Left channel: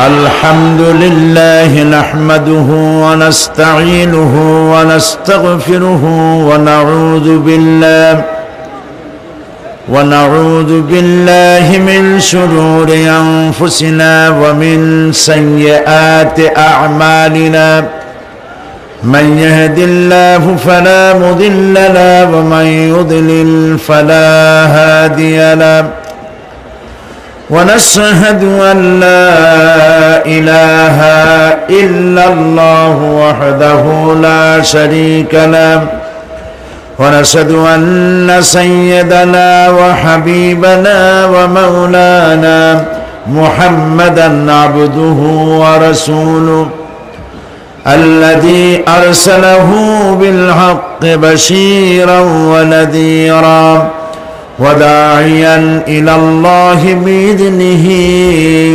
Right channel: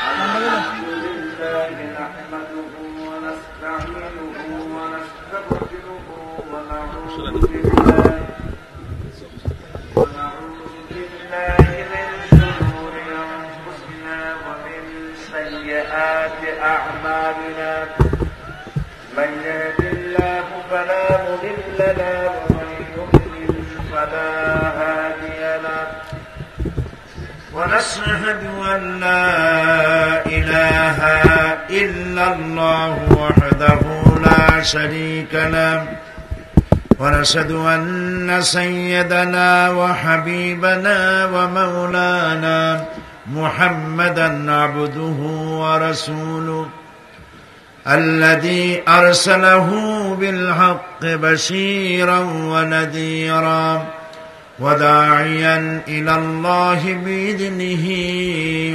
الحمد لله نحمده ونستعينه ونستغفره ونعوذ بالله من شرور أنفسنا ومن سيئات أعمالنا من يهد الله فلا مضل له ومن يضلل فلا هادي له ونشهد أن لا إله إلا الله وحده لا شريك له ونشهد أن سيدنا وحبيبنا ومولانا محمدا عبده ورسوله الذي أرسله بالحق بشيرا ونذيرا وداعيا إلى الله بإذنه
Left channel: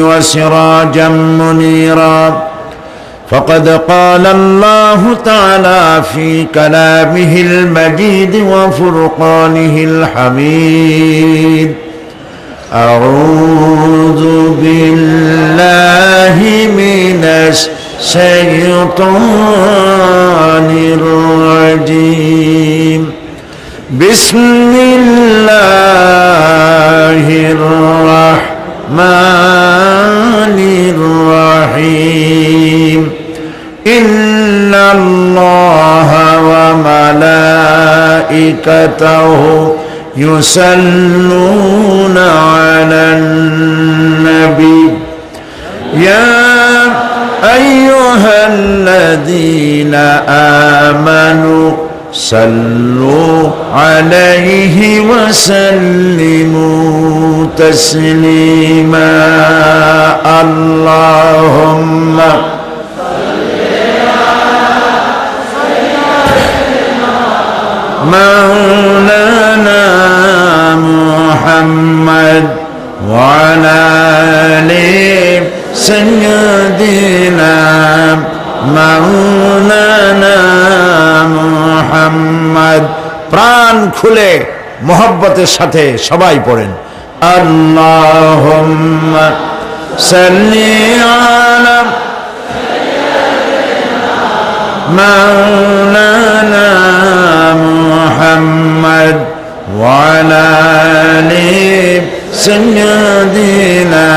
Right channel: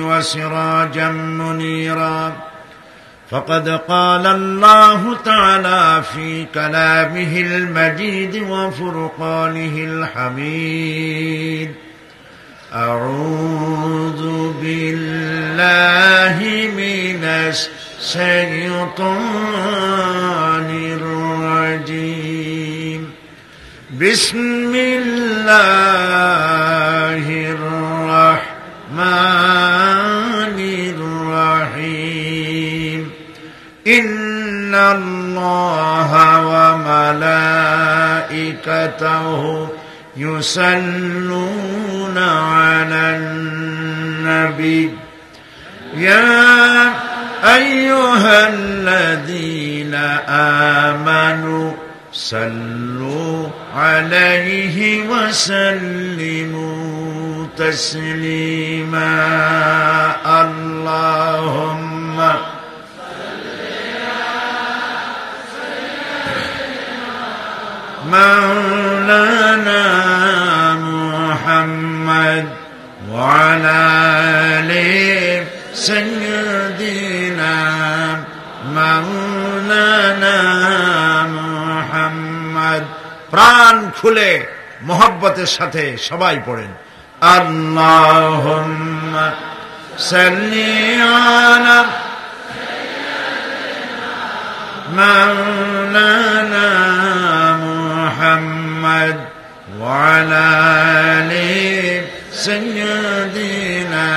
وسراجا منيرا فقد قال الله تعالى في كلامه المجيد وفرقانه الحميد أعوذ بالله من الشيطان الرجيم بسم الله الرحمن الرحيم إن الله وملائكته يصلون على النبي يا أيها الذين آمنوا صلوا عليه وسلموا تسليما اللهم مولانا محمد وعلى آل سيدنا مولانا محمد প্রাণ খুলে মোহব্বতের সাথে সবাই পড়েন আল্লাহুম্মা সাল্লি আলা মাওলানা মুহাম্মদ ওয়া আলা আলি সাইয়্যিদিনা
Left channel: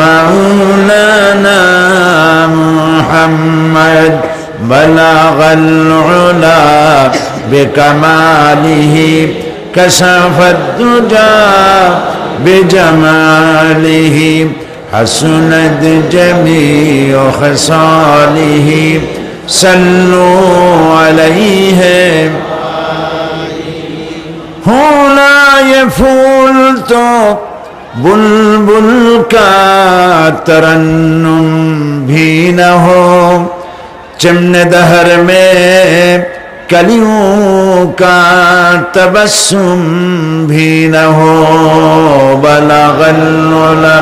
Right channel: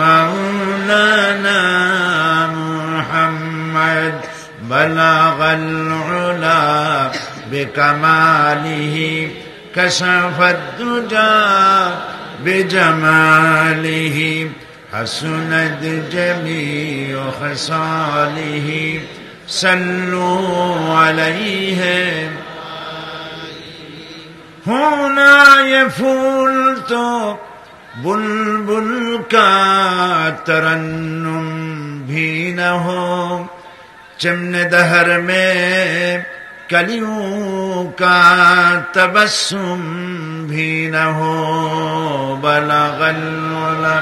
মাওলানা মুহাম্মদ بلغ العلا بكماله كشف الدجى بجماله حسنت جميع خصاله صلوا عليه هنا يفول تو बुलबुल का तरन्नुम भी न हो चमन दहर में कलियों का तबस्सुम भी न हो बलगल उला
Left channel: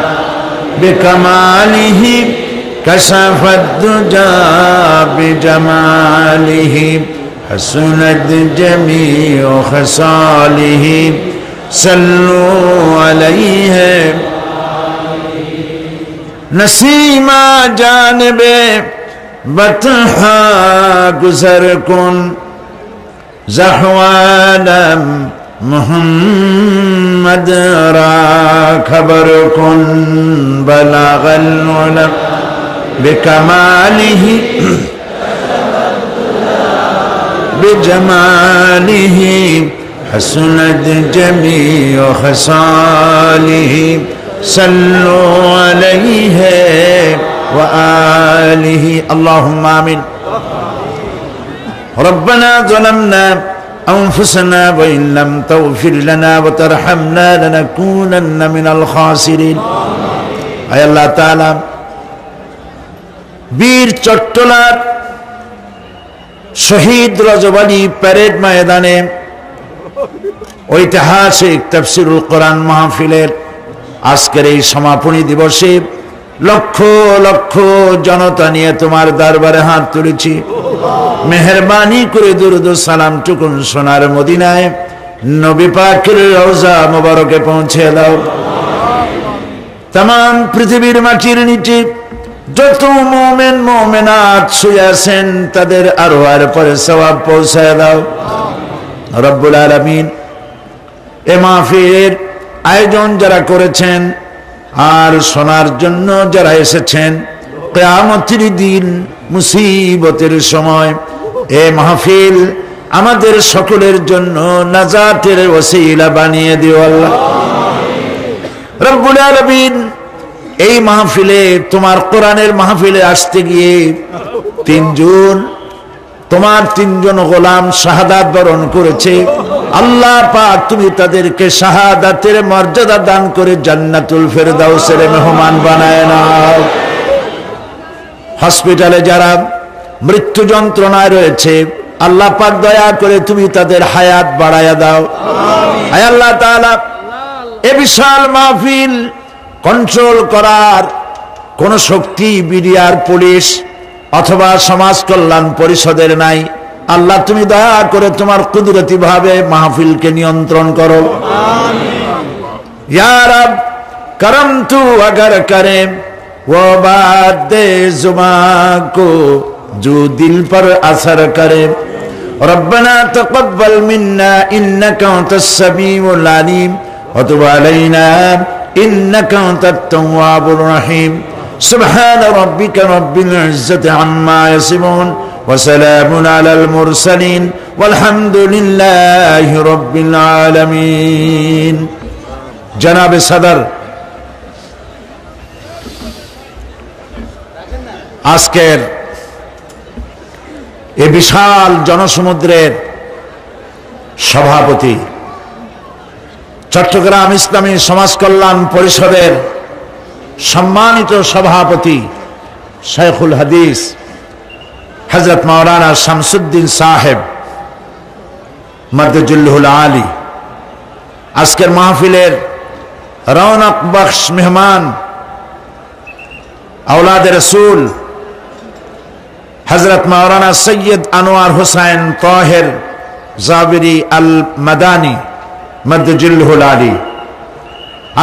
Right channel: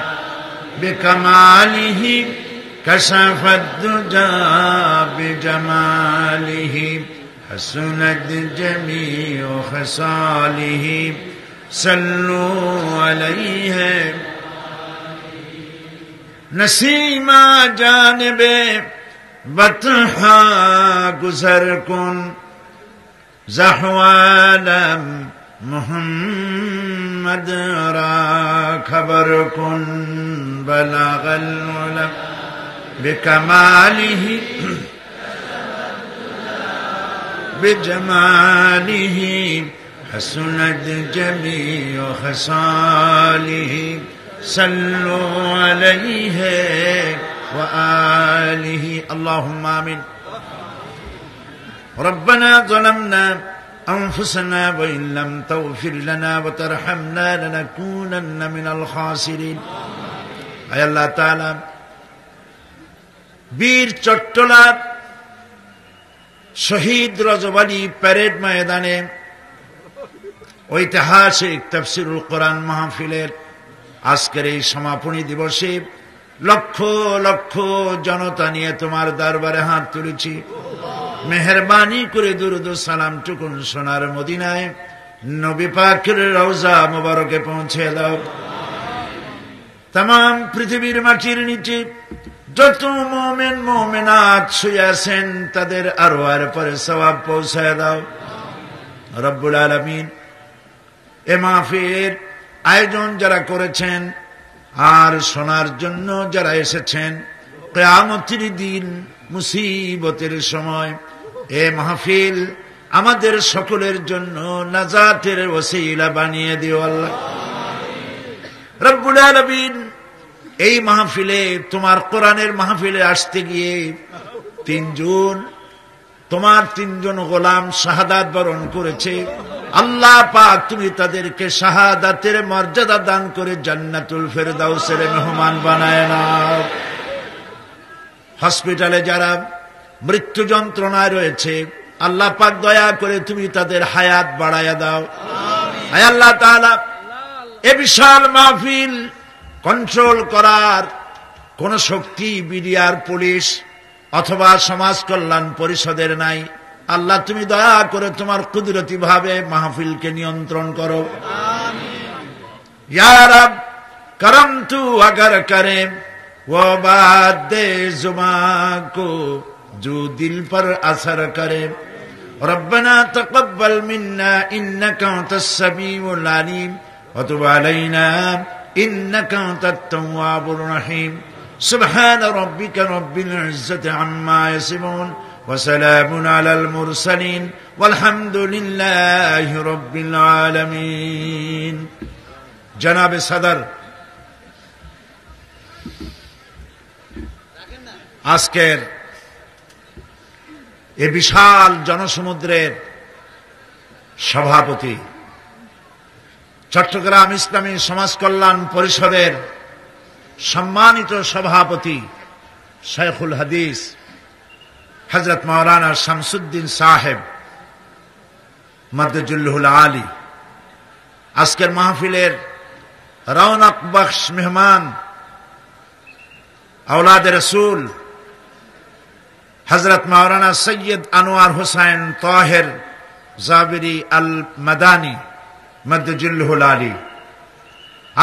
बिकमालिही कशफत दुजा बिजमालिही हसनत जमीउ खसालिही सल्लू अलैहि नसीमा जानबे बतहा गुजर कुन ज़हवालम मुहम्मद रा खबर कुन बलगल उलम बिकमालिही बिजमालिही हसनत जमीउ खसालिही सल्लु अलैहि व आलिही अल्लाहुम्मा आमीन रब्बना ज़लमना अनफुसना व इन लम तग़फिर लना व तरहमना लनकूनन्ना मिनल खासिरीन आय अल्लाह ताआला वीर चट्टलार शहीद रजवाली परेड मैदाने ঐতিহাসিক তাফসীরুল কোরআন মাহফিলের আজকের এই সমাপনী দিবসে লক্ষ লক্ষ জনতা নিয়ে তোমার দরবারে হাত তুলেছি মেহেরবানি করে দুরূদ ও সালাম টুকুন সোনার মদিনায় নবী পাকের রওজা মুবারকে পৌঁছে দাও तमाम পৃথিবীর মাটির নিচে যত মুমিন মুমিনাত শুয়ে আছেন তাদের আরওয়ার পরে সওয়াব পৌঁছায় দাও রব্বুল আলামিন। এ মাহফিলের আয়োজন যারা করেছেন আর শোনার জন্য যারা এসেছেন, কিয়ামতের দিন মুসিবতের সময় এ মাহফিল আমাদের সকলের জন্য নাজাতের ওসিলা বানিয়ে দিও আল্লাহ রব্বুল আলামিন। এই মাহফিলে তোমার কোরআনের মাহফিলে আসতে গিয়ে তোমার তিনজন গোলাম শাহাদাত বরণ করেছে। আল্লাহ পাক তুমি তাদেরকে শাহাদাতের মর্যাদা দান করে জান্নাতুল ফেরদাউসের মেহমান বানায় নাও। হসপিটালে যারা মৃত্যু যন্ত্রণায় রয়েছে আল্লাহ পাক দয়া করে তুমি তাদের হায়াত বাড়ায়া দাও। আয় আল্লাহ তাআলা, এ বিশাল মাহফিল কন্ট্রোল করার কোন শক্তি বিডিআর পুলিশ অথবা সমাজ কল্যাণ পরিষদের নাই। আল্লাহ তুমি দয়া করে তোমার কুদরতি ভাবে মাহফিলকে নিয়ন্ত্রণ করো। ইয়া রব করম তু अगर करे वो बात जुमा को जो दिल पर असर करे रब्बना तक़ब्बल मिन्ना इन्नका अंतस समीउल अलीम व तुब अलैना इन्नका अंतत तव्वाबुर रहीम सुब्हान रब्बिका रब्बिल इज्जति अम्मा यसिफून व सलामुन अलल मुरसलीन वल्हम्दुलिल्लाहि रब्बिल आलमीन। जनाब सदर, আজকের এই বিশাল জনসমুদ্রের সভাপতি, চট্টগ্রাম ইসলামী সমাজ কল্যাণ পরিষদের সম্মানিত সভাপতি শাইখুল হাদিস হযরত মাওলানা শামসুদ্দিন সাহেব মাদজুল্লুল আলী, আজকের মাহফিলের রৌনক বখশ মেহমান औलाद रसूल हजरत मौलाना सैयद अनवार हुसैन ताहिर जाबिरी अल मदानी मद्दजुल्लुल आली,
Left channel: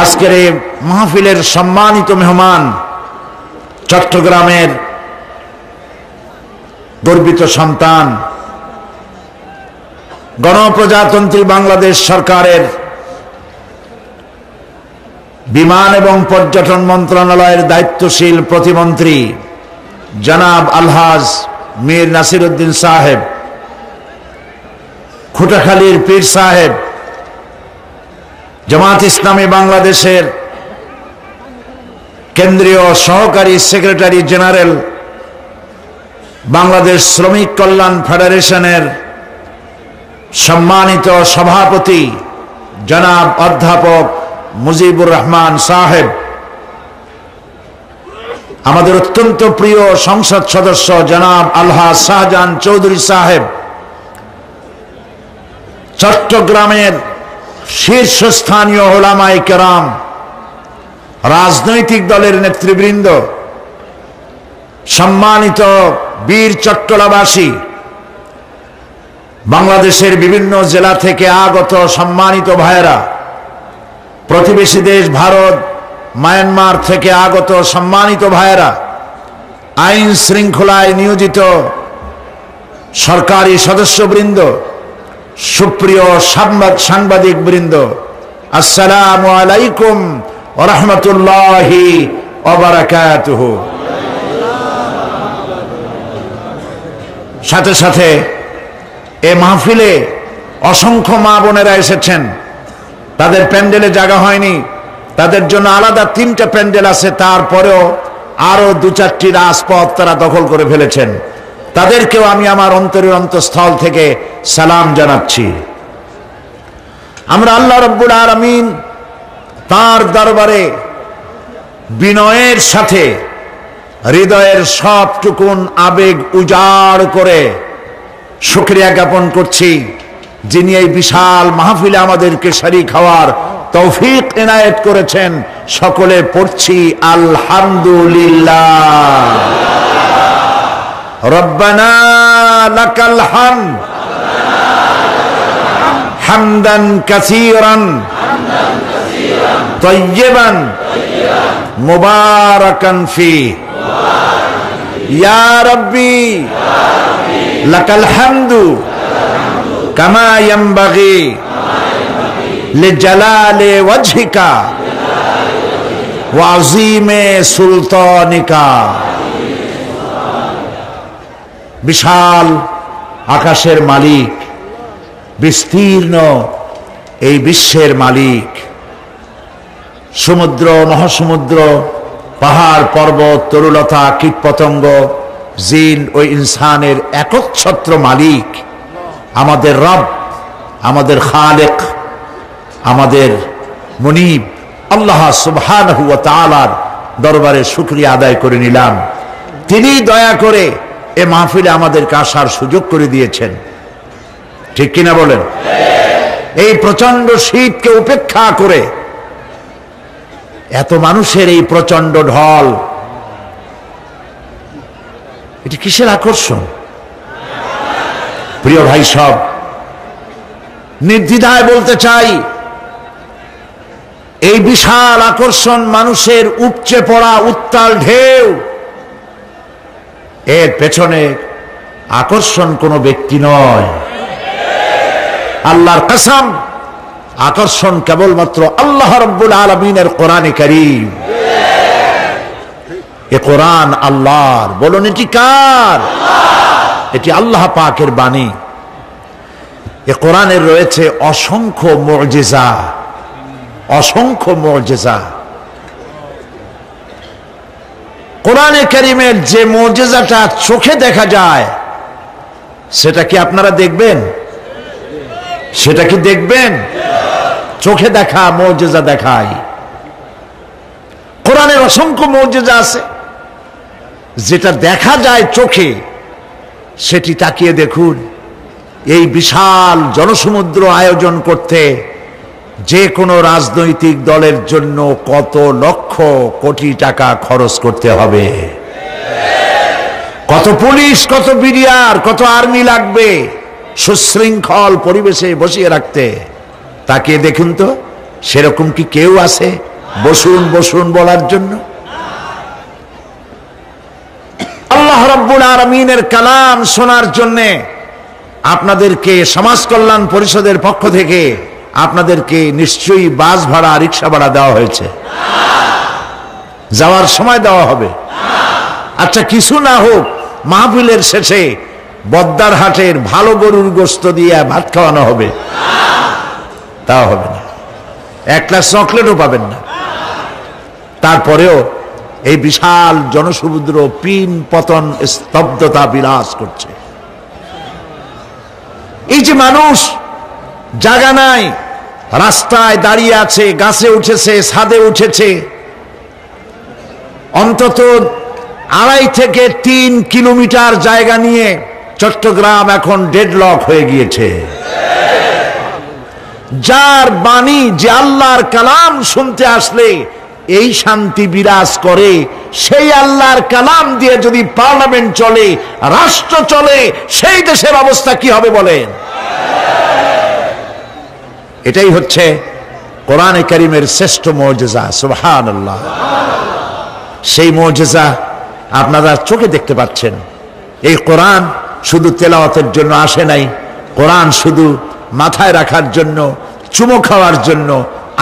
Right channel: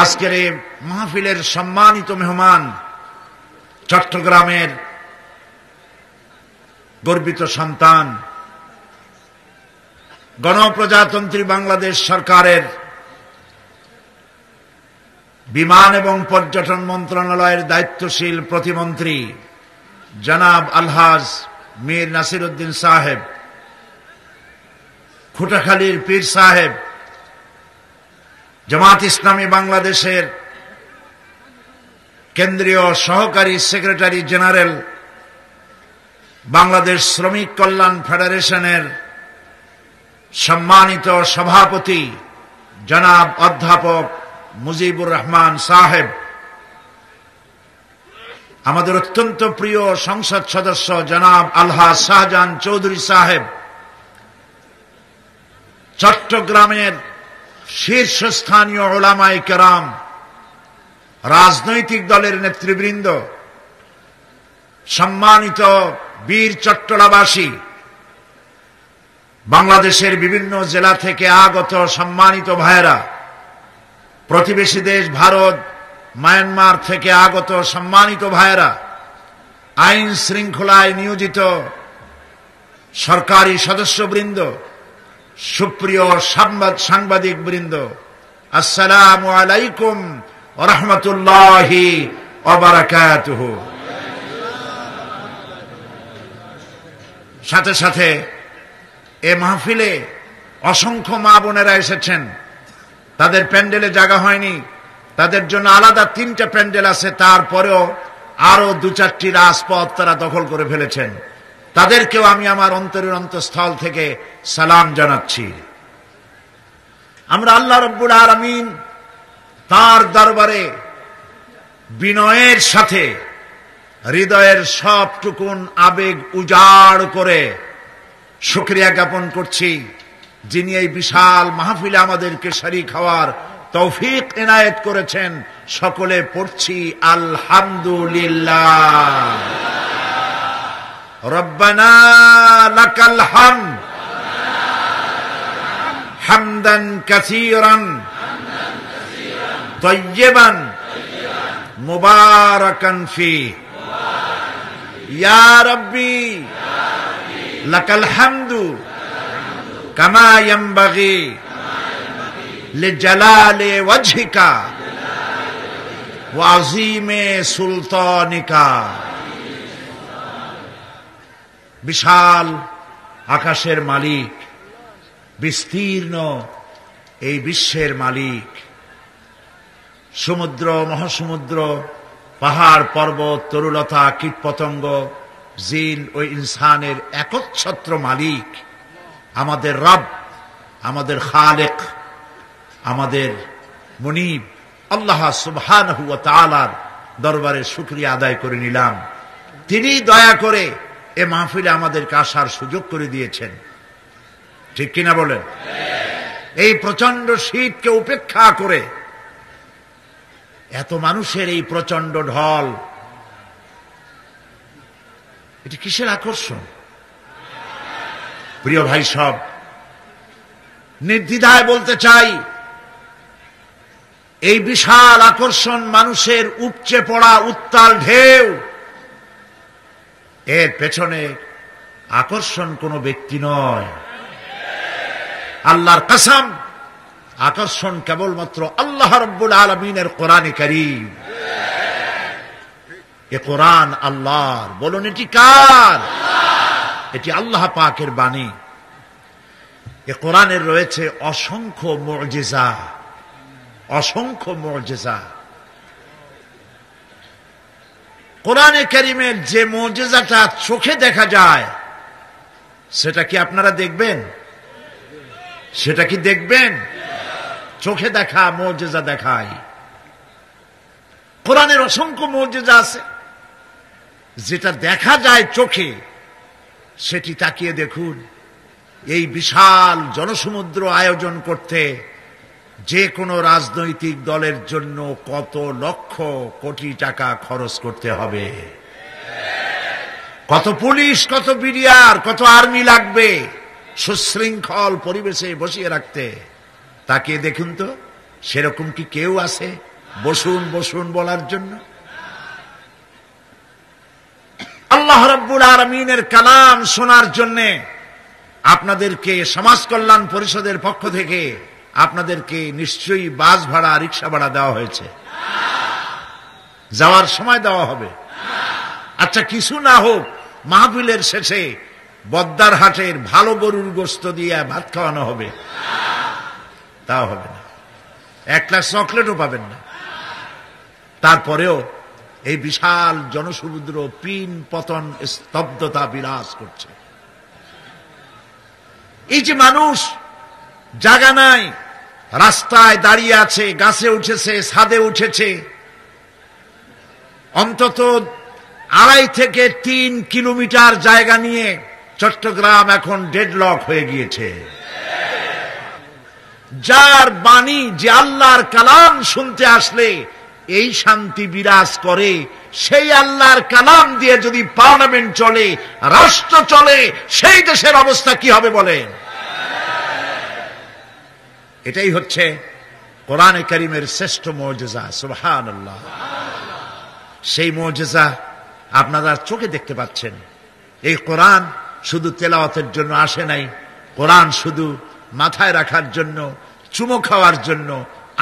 আজকের এই মাহফিলের সম্মানিত মেহমান চট্টগ্রামের গর্বিত সন্তান, গণপ্রজাতন্ত্রী বাংলাদেশ সরকারের বিমান এবং পর্যটন মন্ত্রণালয়ের দায়িত্বশীল প্রতিমন্ত্রী জনাব আলহাজ মীর নাসির উদ্দিন সাহেব, খুটাখালীর পীর সাহেব, জামাত ইসলামী বাংলাদেশের কেন্দ্রীয় সহকারী সেক্রেটারি জেনারেল, বাংলাদেশ শ্রমিক কল্যাণ ফেডারেশনের সম্মানিত সভাপতি জনাব অধ্যাপক মুজিবুর রহমান সাহেব, আমাদের অত্যন্ত প্রিয় সংসদ সদস্য জনাব আলহাজ শাহজাহান চৌধুরী সাহেব, চট্টগ্রামের শীর্ষস্থানীয় উলামায়ে কেরাম, রাজনৈতিক দলের নেতৃবৃন্দ, সম্মানিত বীর চট্টলাবাসী, বাংলাদেশের বিভিন্ন জেলা থেকে আগত সম্মানিত ভাইয়েরা, প্রতিবেশী দেশ ভারত মায়ানমার থেকে আগত সম্মানিত ভাইয়েরা, আইন শৃঙ্খলায় নিয়োজিত সরকারি সদস্যবৃন্দ, সুপ্রিয় সাংবাদিক বৃন্দ, আসসালামু আলাইকুম ওয়া রাহমাতুল্লাহি ওয়া বারাকাতুহু। সাথে সাথে এ মাহফিলে অসংখ্য মা বোনেরা এসেছেন, তাদের প্যান্ডেলে জায়গা হয়নি, তাদের জন্য আলাদা 3টা প্যান্ডেল আছে, তারপরেও আরো 2-4টি রাজপথ তারা দখল করে ফেলেছেন। তাদেরকেও আমি আমার অন্তরের অন্তঃস্থল থেকে সালাম জানাচ্ছি। আমরা আল্লাহ রাব্বুল আলামিন তার দরবারে বিনয়ের সাথে হৃদয়ের সবটুকুন আবেগ উজাড় করে শুকরিয়া জ্ঞাপন করছি, যিনি এই বিশাল মাহফিলে আমাদেরকে শরীক হওয়ার তৌফিক এনায়েত করেছেন। সকলে পড়ছি আলহামদুলিল্লাহ। রব্বানা লাকাল হামদ হামদান কাসীরান তাইয়িবান মুবারাকান ফি ইয়া রাব্বি লাকাল হামদু কামা ইয়ানবাগি লিজালালি ওয়াজহিকা ওয়া আযীমি সুলতানিকা। বিশাল আকাশের মালিক, বিস্তীর্ণ এই বিশ্বের মালিক, সমুদ্র মহাসমুদ্র, পাহাড় পর্বত, তরুলতা, কীটপতঙ্গ, জিন ও ইনসানের একচ্ছত্র মালিক আমাদের রব, আমাদের খালেক, আমাদের মুনিব আল্লাহ সুবহানাহু ওয়া তাআলার দরবারে শুকরিয়া আদায় করে নিলাম। তিনি দয়া করে এ মাহফিলে আমাদেরকে আসার সুযোগ করে দিয়েছেন। ঠিক কিনা বলেন? এই প্রচন্ড শীতকে উপেক্ষা করে এত মানুষের এই প্রচন্ড ঢল, এটি কিসের আকর্ষণ? প্রিয় ভাই সব, নির্দ্বিধায় বলতে চাই, এই বিশাল আকর্ষণ মানুষের উপচে পড়া উত্তাল ঢেউ, এর পেছনে আকর্ষণ কোনো ব্যক্তি নয়। আল্লাহর কসম, আকর্ষণ কেবলমাত্র আল্লাহ রাব্বুল আলামিনের কোরআনে কারীম। এ কোরআন আল্লাহর। বলুন, এটি কার? এটি আল্লাহ পাকের বাণী। এ কোরআনের রয়েছে অসংখ্য মুজিজা, অসংখ্য মুজিজা। কোরআনে কারীমের যে মুজিজাটা চোখে দেখা যায়, সেটা কি আপনারা দেখবেন? সেটা কি দেখবেন? চোখে দেখা মুজিজা দেখায়। কোরআনের অসংখ্য মুজিজা আছে, যেটা দেখা যায় চোখে, সেটি তাকিয়ে দেখুন। এই বিশাল জনসমুদ্র আয়োজন করতে যে কোনো রাজনৈতিক দলের জন্য কত লক্ষ কোটি টাকা খরচ করতে হবে, কত পুলিশ, কত বিডিআর, কত আর্মি লাগবে সুশৃঙ্খল পরিবেশে বসিয়ে রাখতে। তাকিয়ে দেখুন তো, সেরকম কি কেউ আছে বসুন বসুন বলার জন্য? আল্লাহ রাব্বুল আলামিনের কালাম শোনার জন্য আপনাদেরকে সমাজ কল্যাণ পরিষদের পক্ষ থেকে আপনাদেরকে নিশ্চয়ই বাস ভাড়া, রিক্সা ভাড়া দেওয়া হয়েছে। যাওয়ার সময় দেওয়া হবে। আচ্ছা, কিছু না হোক, মাহফিলের শেষে বদ্দার হাটের ভালো গরুর গোশত দিয়ে ভাত খাওয়ানো হবে? তাও হবে না। এক গ্লাস চকলেটও পাবেন না। তারপরেও এই বিশাল জনসমুদ্র পিন পতন স্তব্ধতা বিরাজ করছে। এই যে মানুষ জায়গা নাই, রাস্তায় দাঁড়িয়ে আছে, গাছে উঠেছে, ছাদে উঠেছে, অন্তত 2.5 থেকে 3 কিলোমিটার জায়গা নিয়ে চট্টগ্রাম এখন ডেডলক হয়ে গিয়েছে। যার বাণী, যে আল্লাহর কালাম শুনতে আসলে এই শান্তি বিরাজ করে, সেই আল্লাহর কালাম দিয়ে যদি পার্লামেন্ট চলে, রাষ্ট্র চলে, সেই দেশের অবস্থা কি হবে বলেন? এটাই হচ্ছে কোরআনে কারীমের শ্রেষ্ঠ মুজিজা। সুবহানাল্লাহ। সেই মুজিজা আপনারা চোখে দেখতে পাচ্ছেন। এই কোরআন শুধু তেলাওয়াতের জন্য আসে নাই, কোরআন শুধু মাথায় রাখার জন্য, চুমো খাওয়ার জন্য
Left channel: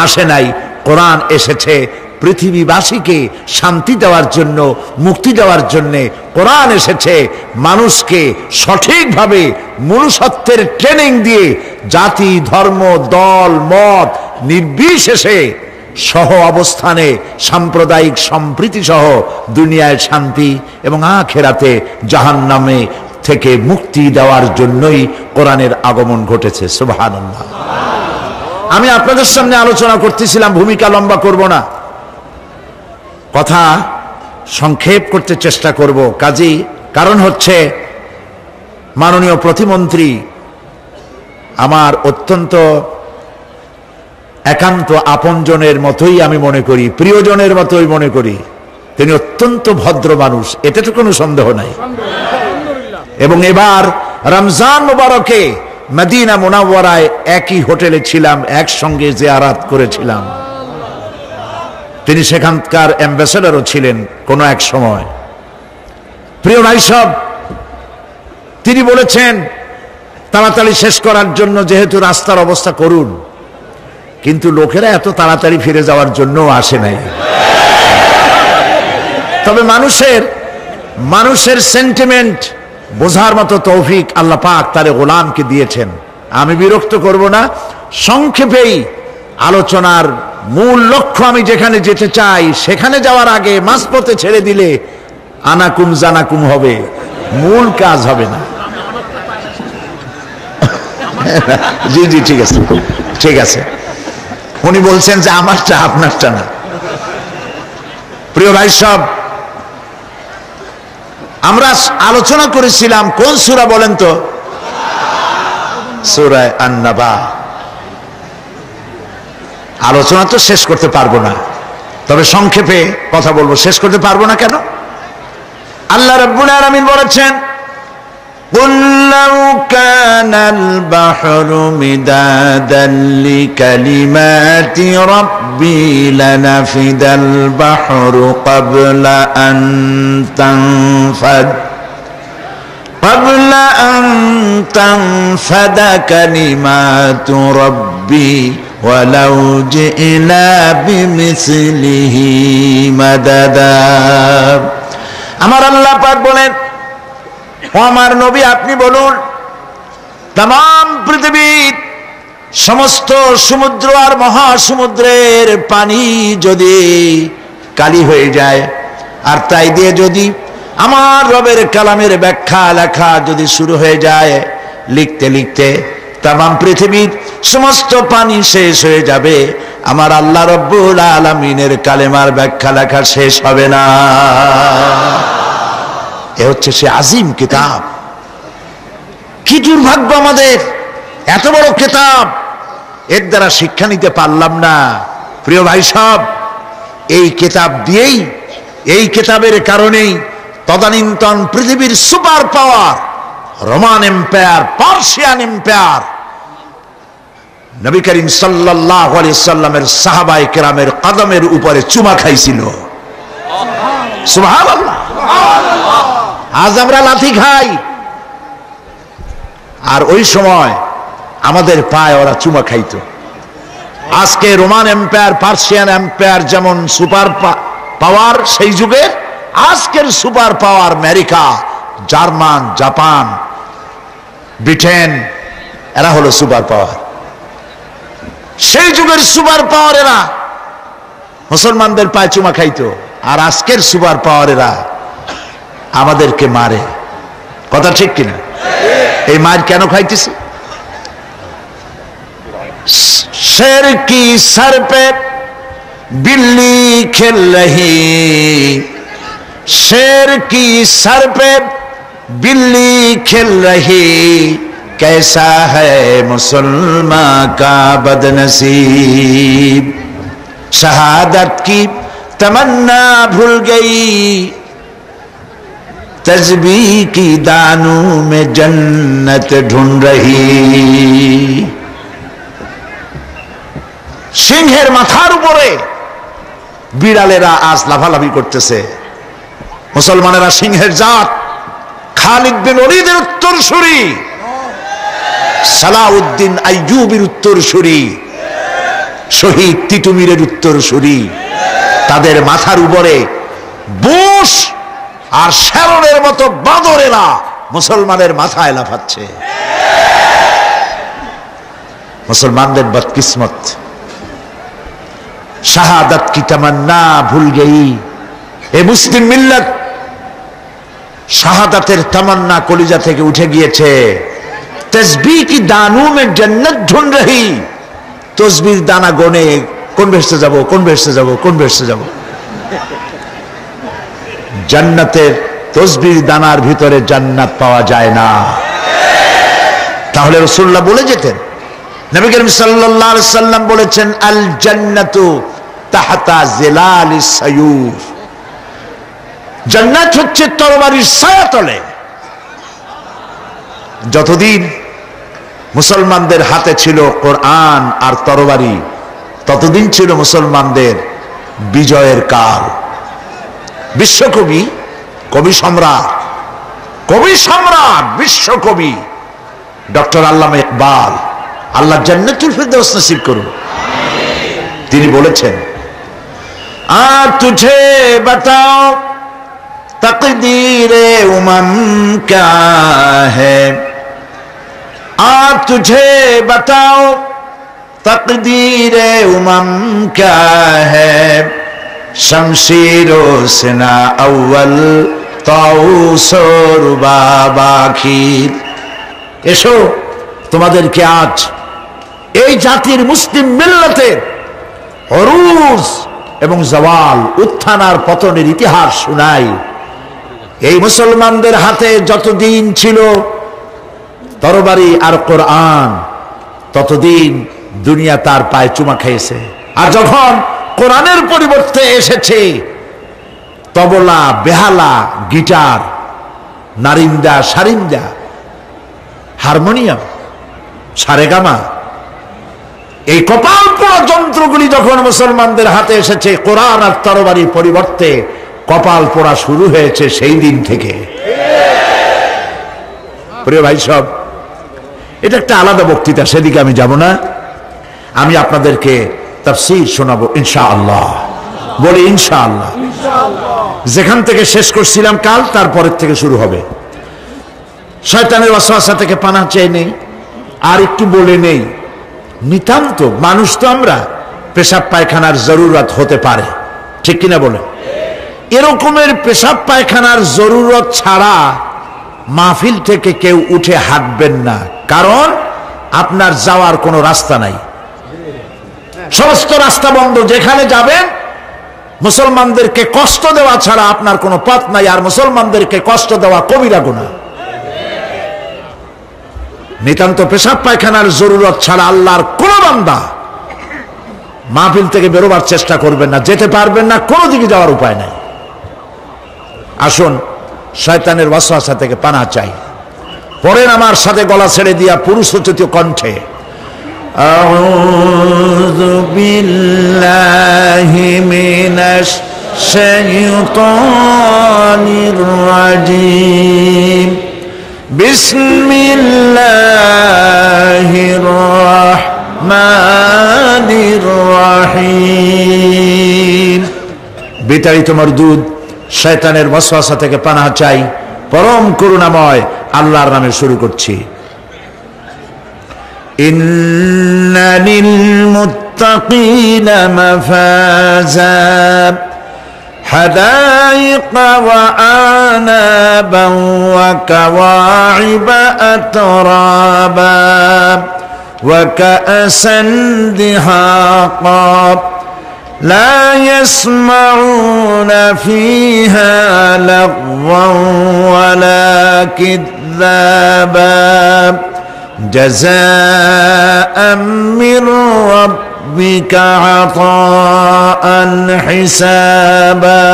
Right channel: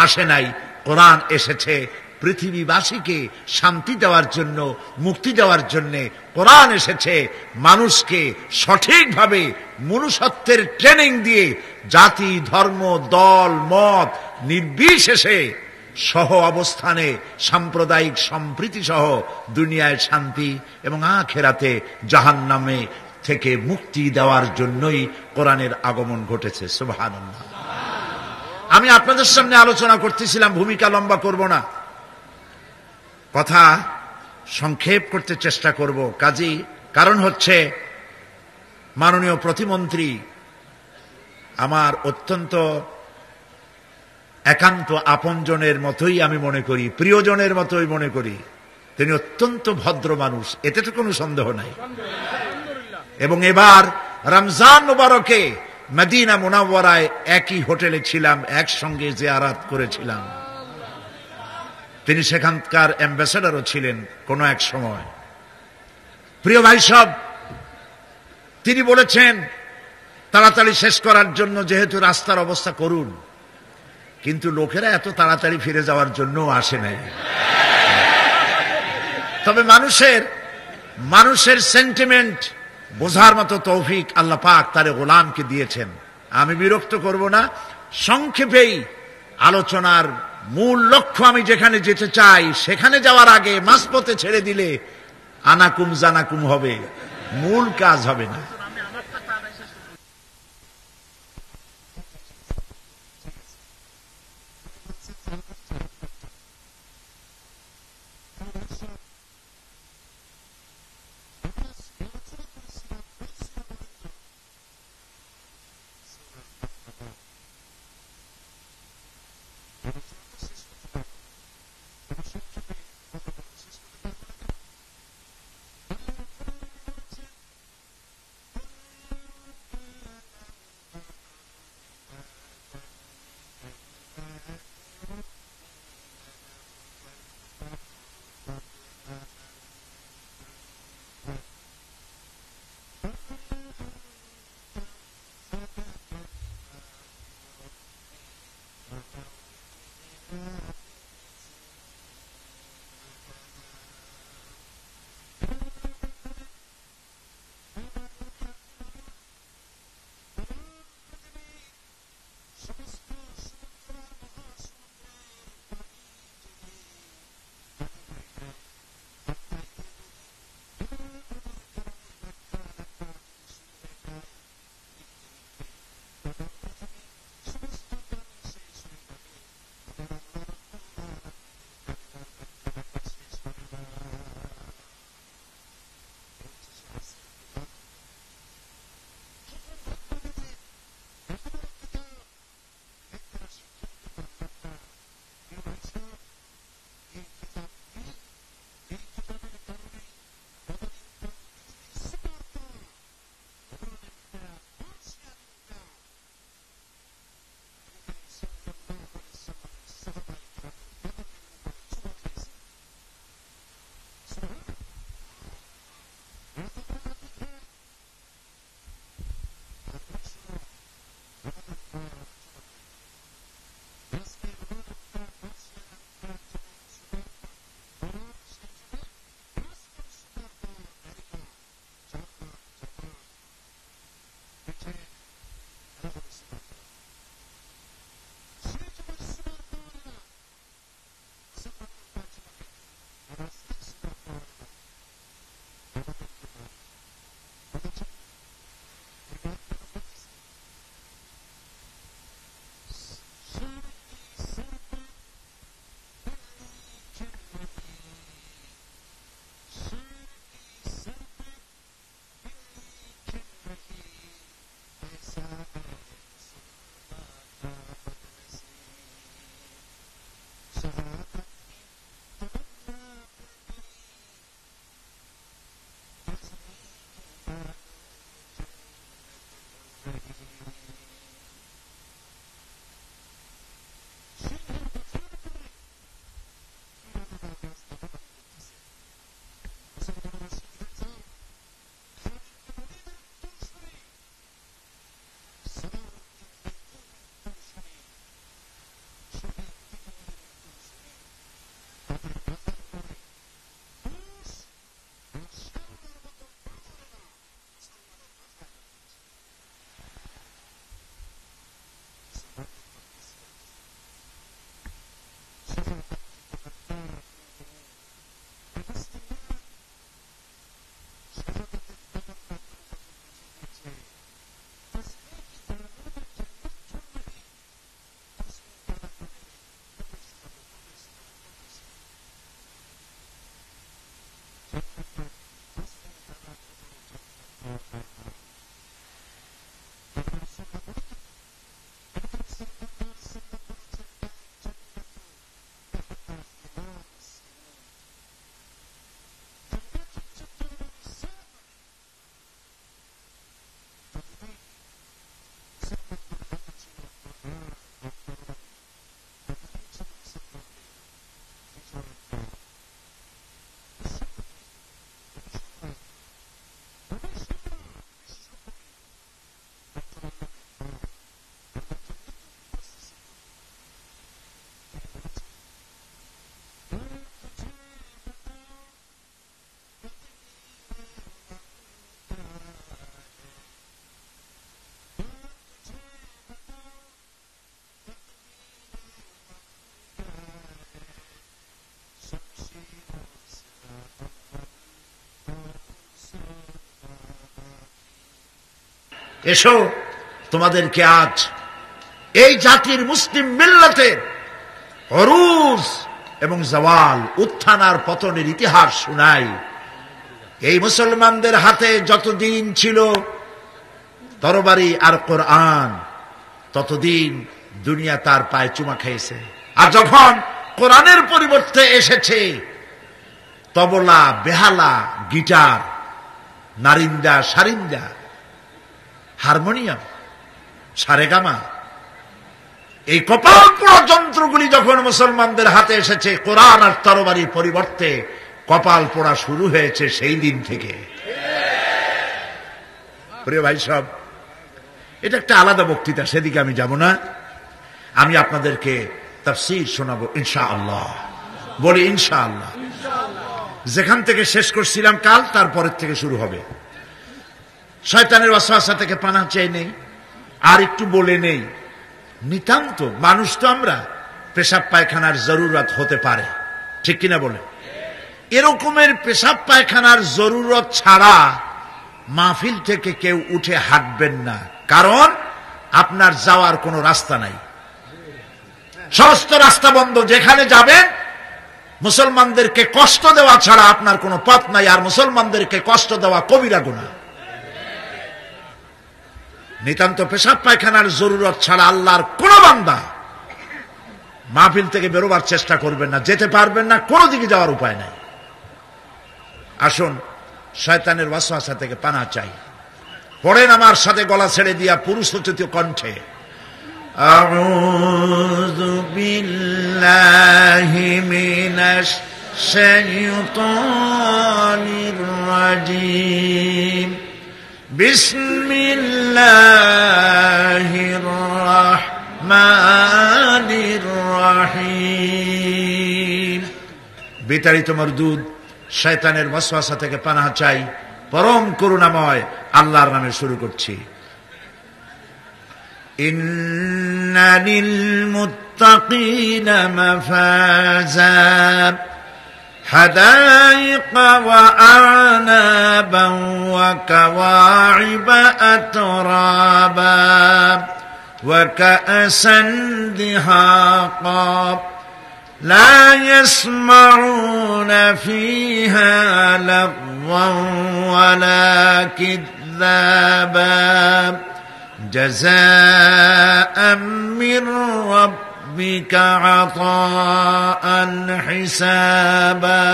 আসে নাই। কোরআন এসেছে পৃথিবীবাসীকে শান্তি দেওয়ার জন্য, মুক্তি দেওয়ার জন্য। কোরআন এসেছে মানুষকে সঠিকভাবে মনুষ্যত্বের ট্রেনিং দিয়ে জাতি, ধর্ম, দল, মত নির্বিশেষে সহ অবস্থানে সাম্প্রদায়িক সম্প্রীতি সহ দুনিয়ায় শান্তি এবং আখিরাতে জাহান্নামে থেকে মুক্তি দেওয়ার জন্যই কোরআনের আগমন ঘটেছে। সুবহানাল্লাহ। আমি আপনাদের সামনে আলোচনা করতেছিলাম, ভূমিকা লম্বা করব না, কথা সংক্ষেপ করতে চেষ্টা করব। কাজী কারণ হচ্ছে মাননীয় প্রতিমন্ত্রী আমার অত্যন্ত একান্ত আপনজনের মতোই আমি মনে করি, প্রিয়জনের মতোই মনে করি। তিনি অত্যন্ত ভদ্র মানুষ, এতে তো কোনো সন্দেহ নাই। এবং এবার রমজান মুবারকে মদিনা মুনাওয়ারায় একই হোটেলে ছিলাম, একসঙ্গে জিয়ারাত করেছিলাম। তিনি সেখানকার অ্যাম্বাসেডরও ছিলেন কোনো এক সময়। প্রিয় ভাই সব, তিনি বলেছেন তাড়াতাড়ি শেষ করার জন্য, যেহেতু রাস্তার অবস্থা করুন, কিন্তু লোকেরা এত তাড়াতাড়ি ফিরে যাওয়ার জন্য আসে নাই। তবে মানুষের সেন্টিমেন্ট বোঝার মতো তৌফিক আল্লাহ পাক তার গোলামকে দিয়েছেন। আমি বিরক্ত করব না, সংক্ষেপেই আলোচনার মূল লক্ষ্য, আমি যেখানে যেতে চাই সেখানে যাওয়ার আগে মাঝপথে ছেড়ে দিলে আনাকুম জানাকুম হবে, মূল কাজ হবে না। জি জি, ঠিক আছে ঠিক আছে। উনি বলছেন যে আমারটা আপনারটা না। প্রিয় ভাই সব, আমরা আলোচনা করেছিলাম কোন সূরা বলেন তো? সূরা আন-নাবা। আলোচনা তো শেষ করতে পারবো না, তবে সংক্ষেপে কথা বলবো। শেষ করতে পারবো না কেন? আল্লাহ রাব্বুল আলামিন বলেছেন, قُلْ لَوْ كَانَ الْبَحْرُ مِدَادًا لِكَلِمَاتِ رَبِّي لَنَفِدَ الْبَحْرُ قَبْلَ أَن تَنْفَدَ كَلِمَاتُ رَبِّي وَلَوْ جِئْنَا بِمِثْلِهِ مَدَدًا। আমার আল্লাহ পাক বলেন, ও আমার নবী, আপনি বলুন, तमाम পৃথিবীর সমস্ত সমুদ্র আর মহাসমুদ্রের পানি যদি কালি হয়ে যায়, আর তাই দিয়ে যদি আমার রবের কালামের ব্যাখ্যা লেখা যদি শুরু হয়ে যায়, লিখতে লিখতে तमाम পৃথিবীর সমস্ত পানি শেষ হয়ে যাবে, আমার আল্লাহ রব্বুল আলামিনের কালেমার ব্যাখ্যা লেখা শেষ হবে না। এ হচ্ছে সে আজিম কিতাব। কি দুর্ভাগ্য আমাদের, এত বড় কিতাব, এর দ্বারা শিক্ষা নিতে পারলাম না। প্রিয় ভাই সব, এই কিতাব দিয়েই, এই কিতাবের কারণেই তদানীন্তন পৃথিবীর super power Roman empire, Persian empire, Nabi Karim সাল্লাল্লাহু আলাইহি সাল্লামের সাহাবায়ে কেরামের কদমের উপরে চুমা খাইছিল। সুবহানাল্লাহ। আজ আমরা লাথি খাই, আর ওই সময় আমাদের পায়ে ওরা চুমা খাইতো। আজকে রোমান এম্পায়ার, পার্সিয়ান এম্পায়ার যেমন সুপার পাওয়ার, সেই যুগের আজকের super power America, German, Japan, Britain, এরা হলো সুপার পাওয়ার। সেই যুগের সুপার পাওয়ার এরা মুসলমানদের পায়ে চুমা খাইতো, আর আজকের সুপার পাওয়ার এরা আমাদেরকে মারে। কথা ঠিক কিনা? এই মার কেন খাইতেছে? शेर की सर पे बिल्ली खेल रही, शेर की सर पे बिल्ली खेल रही, कैसा है मुसलमान का बदनसीब, शहादत की तमन्ना भूल गई, तस्बीह की दानों में जन्नत ढूंढ रही। সিংহের মাথার উপরে বিড়ালেরা আজ লাফালাফি করতেছে। মুসলমানেরা সিংহের জাত, খালিদ বিন ওলীদের উত্তরসূরি, সালাউদ্দিন আইয়ুবের উত্তরসূরি, শহীদ তিতুমীরের উত্তরসূরি, তাদের মাথার উপরে বুশ আর শ্যারনের মতো বাঁদরেরা মুসলমানের মাথায় লাফাচ্ছে। মুসলমানদের বদকিসমত, শাহাদাত কি তামান্না ভুল গই। এ মুসলিম মিল্লাত শাহাদাতের তামান্না কলিজা থেকে উঠে গিয়েছে। তসবিহ কি দানু মে জান্নাত ঢুঁढ রহি, তসবির দানা গনে কোন বেহেশতে যাব, কোন বেহেশতে যাব, কোন বেহেশতে যাব। জান্নাতের তসবির দানার ভিতরে জান্নাত পাওয়া যায় না। তাহলে রাসূলুল্লাহ বলে যেতেন, নবী করিম সাল্লাল্লাহু আলাইহি সাল্লাম বলেছেন, আল জান্নাতু তাহতা জিলালিস সায়ুফ, জান্নাত হচ্ছে তরবারির ছায়াতলে। যতদিন মুসলমানদের হাতে ছিল কোরআন আর তরবারি, ততদিন ছিল মুসলমানদের বিজয়ের কাল। বিশ্বকবি, কবি সম্রাট বিশ্বকবি ডক্টর আল্লামা ইকবাল, আল্লাহ জান্নাতুল ফিরদাউস নসিব করুন, তিনি বলেছেন, তুঝে বাতাও তকদীরে উমম ক্যা হ্যায়, তুঝে বাতাও তকদীরে উমম ক্যা হ্যায়, শমশীরো সিনা আউয়াল তাউস রুবাবাখির। এসো, তোমাদেরকে আজ এই জাতির মুসলিম মিল্লাতের অরুজ এবং জওয়াল, উত্থান আর পতনের ইতিহাস শোনাই। এই মুসলমানদের হাতে যতদিন ছিল তরবারি আর কোরআন, ততদিন দুনিয়া তার পায়ে চুমা খেয়েছে। আর যখন কোরআনের পরিবর্তে এসেছে তবলা, বেহালা, গিটার, নারিন্দা, সারিন্দা, হারমোনিয়াম, সারেগামা, এই কপাল পোড়া যন্ত্রগুলি যখন মুসলমানদের হাতে এসেছে, কোরআন আর তরবারির পরিবর্তে কপাল পোড়া শুরু হয়েছে সেই দিন থেকে। প্রিয় ভাই সব, এটা একটা আলাদা বক্তৃতা, সেদিকে আমি যাব না। আমি আপনাদেরকে তাফসীর শোনাবো ইনশাআল্লাহ। বলি ইনশাআল্লাহ। যেখান থেকে শেষ করছিলাম কাল, তারপরের থেকে শুরু হবে। শয়তানের ওয়াসওয়াসা থেকে পানাহ চাই নেই। আর একটু বলে নেই, নিতান্ত মানুষ তো আমরা, পেশাব পায়খানার জরুরত হতে পারে, ঠিক কিনা বলে? এরকমের পেশাব পায়খানার জরুরত ছাড়া মাহফিল থেকে কেউ উঠে হাঁটবেন না, কারণ আপনার যাওয়ার কোনো রাস্তা নাই, সমস্ত রাস্তা বন্ধ। যেখানে যাবেন মুসলমানদেরকে কষ্ট দেওয়া ছাড়া আপনার কোনো পথ নাই, আর মুসলমানদেরকে কষ্ট দেওয়া কবিরা গুনাহ। নিতান্ত পেশাব পায়খানার জরুরত ছাড়া আল্লাহর কোন বান্দা মাহফিল থেকে বেরোবার চেষ্টা করবেন না, যেতে পারবেন না, কোনো দিকে যাওয়ার উপায় নাই। আসুন শয়তানের ওয়াসওয়াসা থেকে পানাহ চাই। পড়েন আমার সাথে গলা ছেড়ে দিয়া পুরুষোচিত কণ্ঠে, আউযু বিল্লাহি মিনাশ শাইতানির রাজীম, বিসমিল্লাহির রাহমানির রাহিম। বিতাড়িত মরদুদ শয়তানের ওয়াসওয়াসা থেকে পানাহ চাই পরম করুণাময় আল্লাহর নামে শুরু করছি। ইন্না লিল মুত্তাকিনা মাফাজা হাদাইকা ওয়া আনাবান ওয়া কাওয়াইবা আতরাবা ওয়া কাআসান দিহাকা لا يسمعون فيها لغوا ولا كذابا جزاء من ربك عطاء حسابا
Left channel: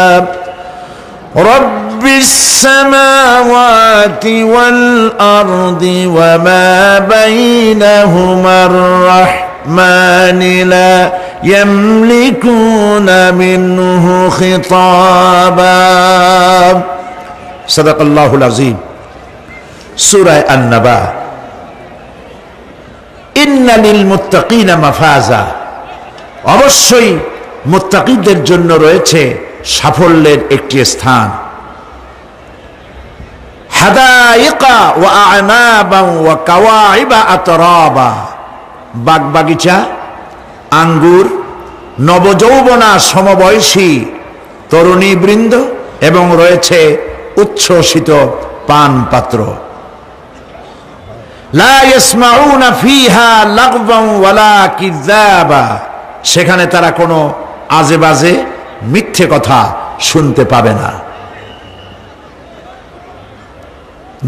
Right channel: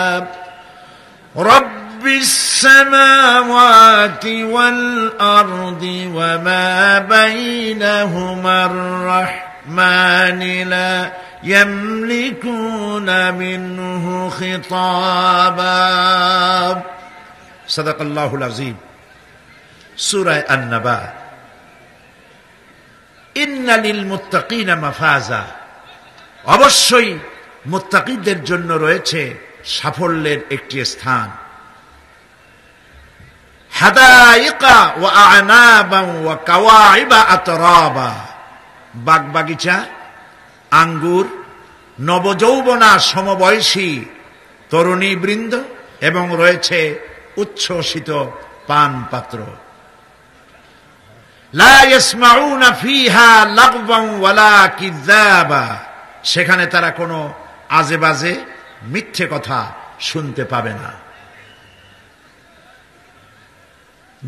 رب السماوات والأرض وما بينهما الرحمن لا يملكون منه خطابا صدق الله العظيم سورة النبأ إن للمتقين مفازا অবশ্যই মুত্তাকিদের জন্য রয়েছে সাফল্যের একটি স্থান। হাদাইকা ওয়া আনাবান ওয়া কাওয়াইবা আতরাবা, বাগবাগিচা, আঙ্গুর, নবযৌবনা সমবয়সী তরুণী বৃন্দ এবং রয়েছে উচ্ছ্বসিত পান পাত্র। লা ইয়াসমাউনা ফিহা লাগওয়ান ওয়ালা কিযাবা, সেখানে তারা কোনো আজে বাজে মিথ্যে কথা শুনতে পাবে না।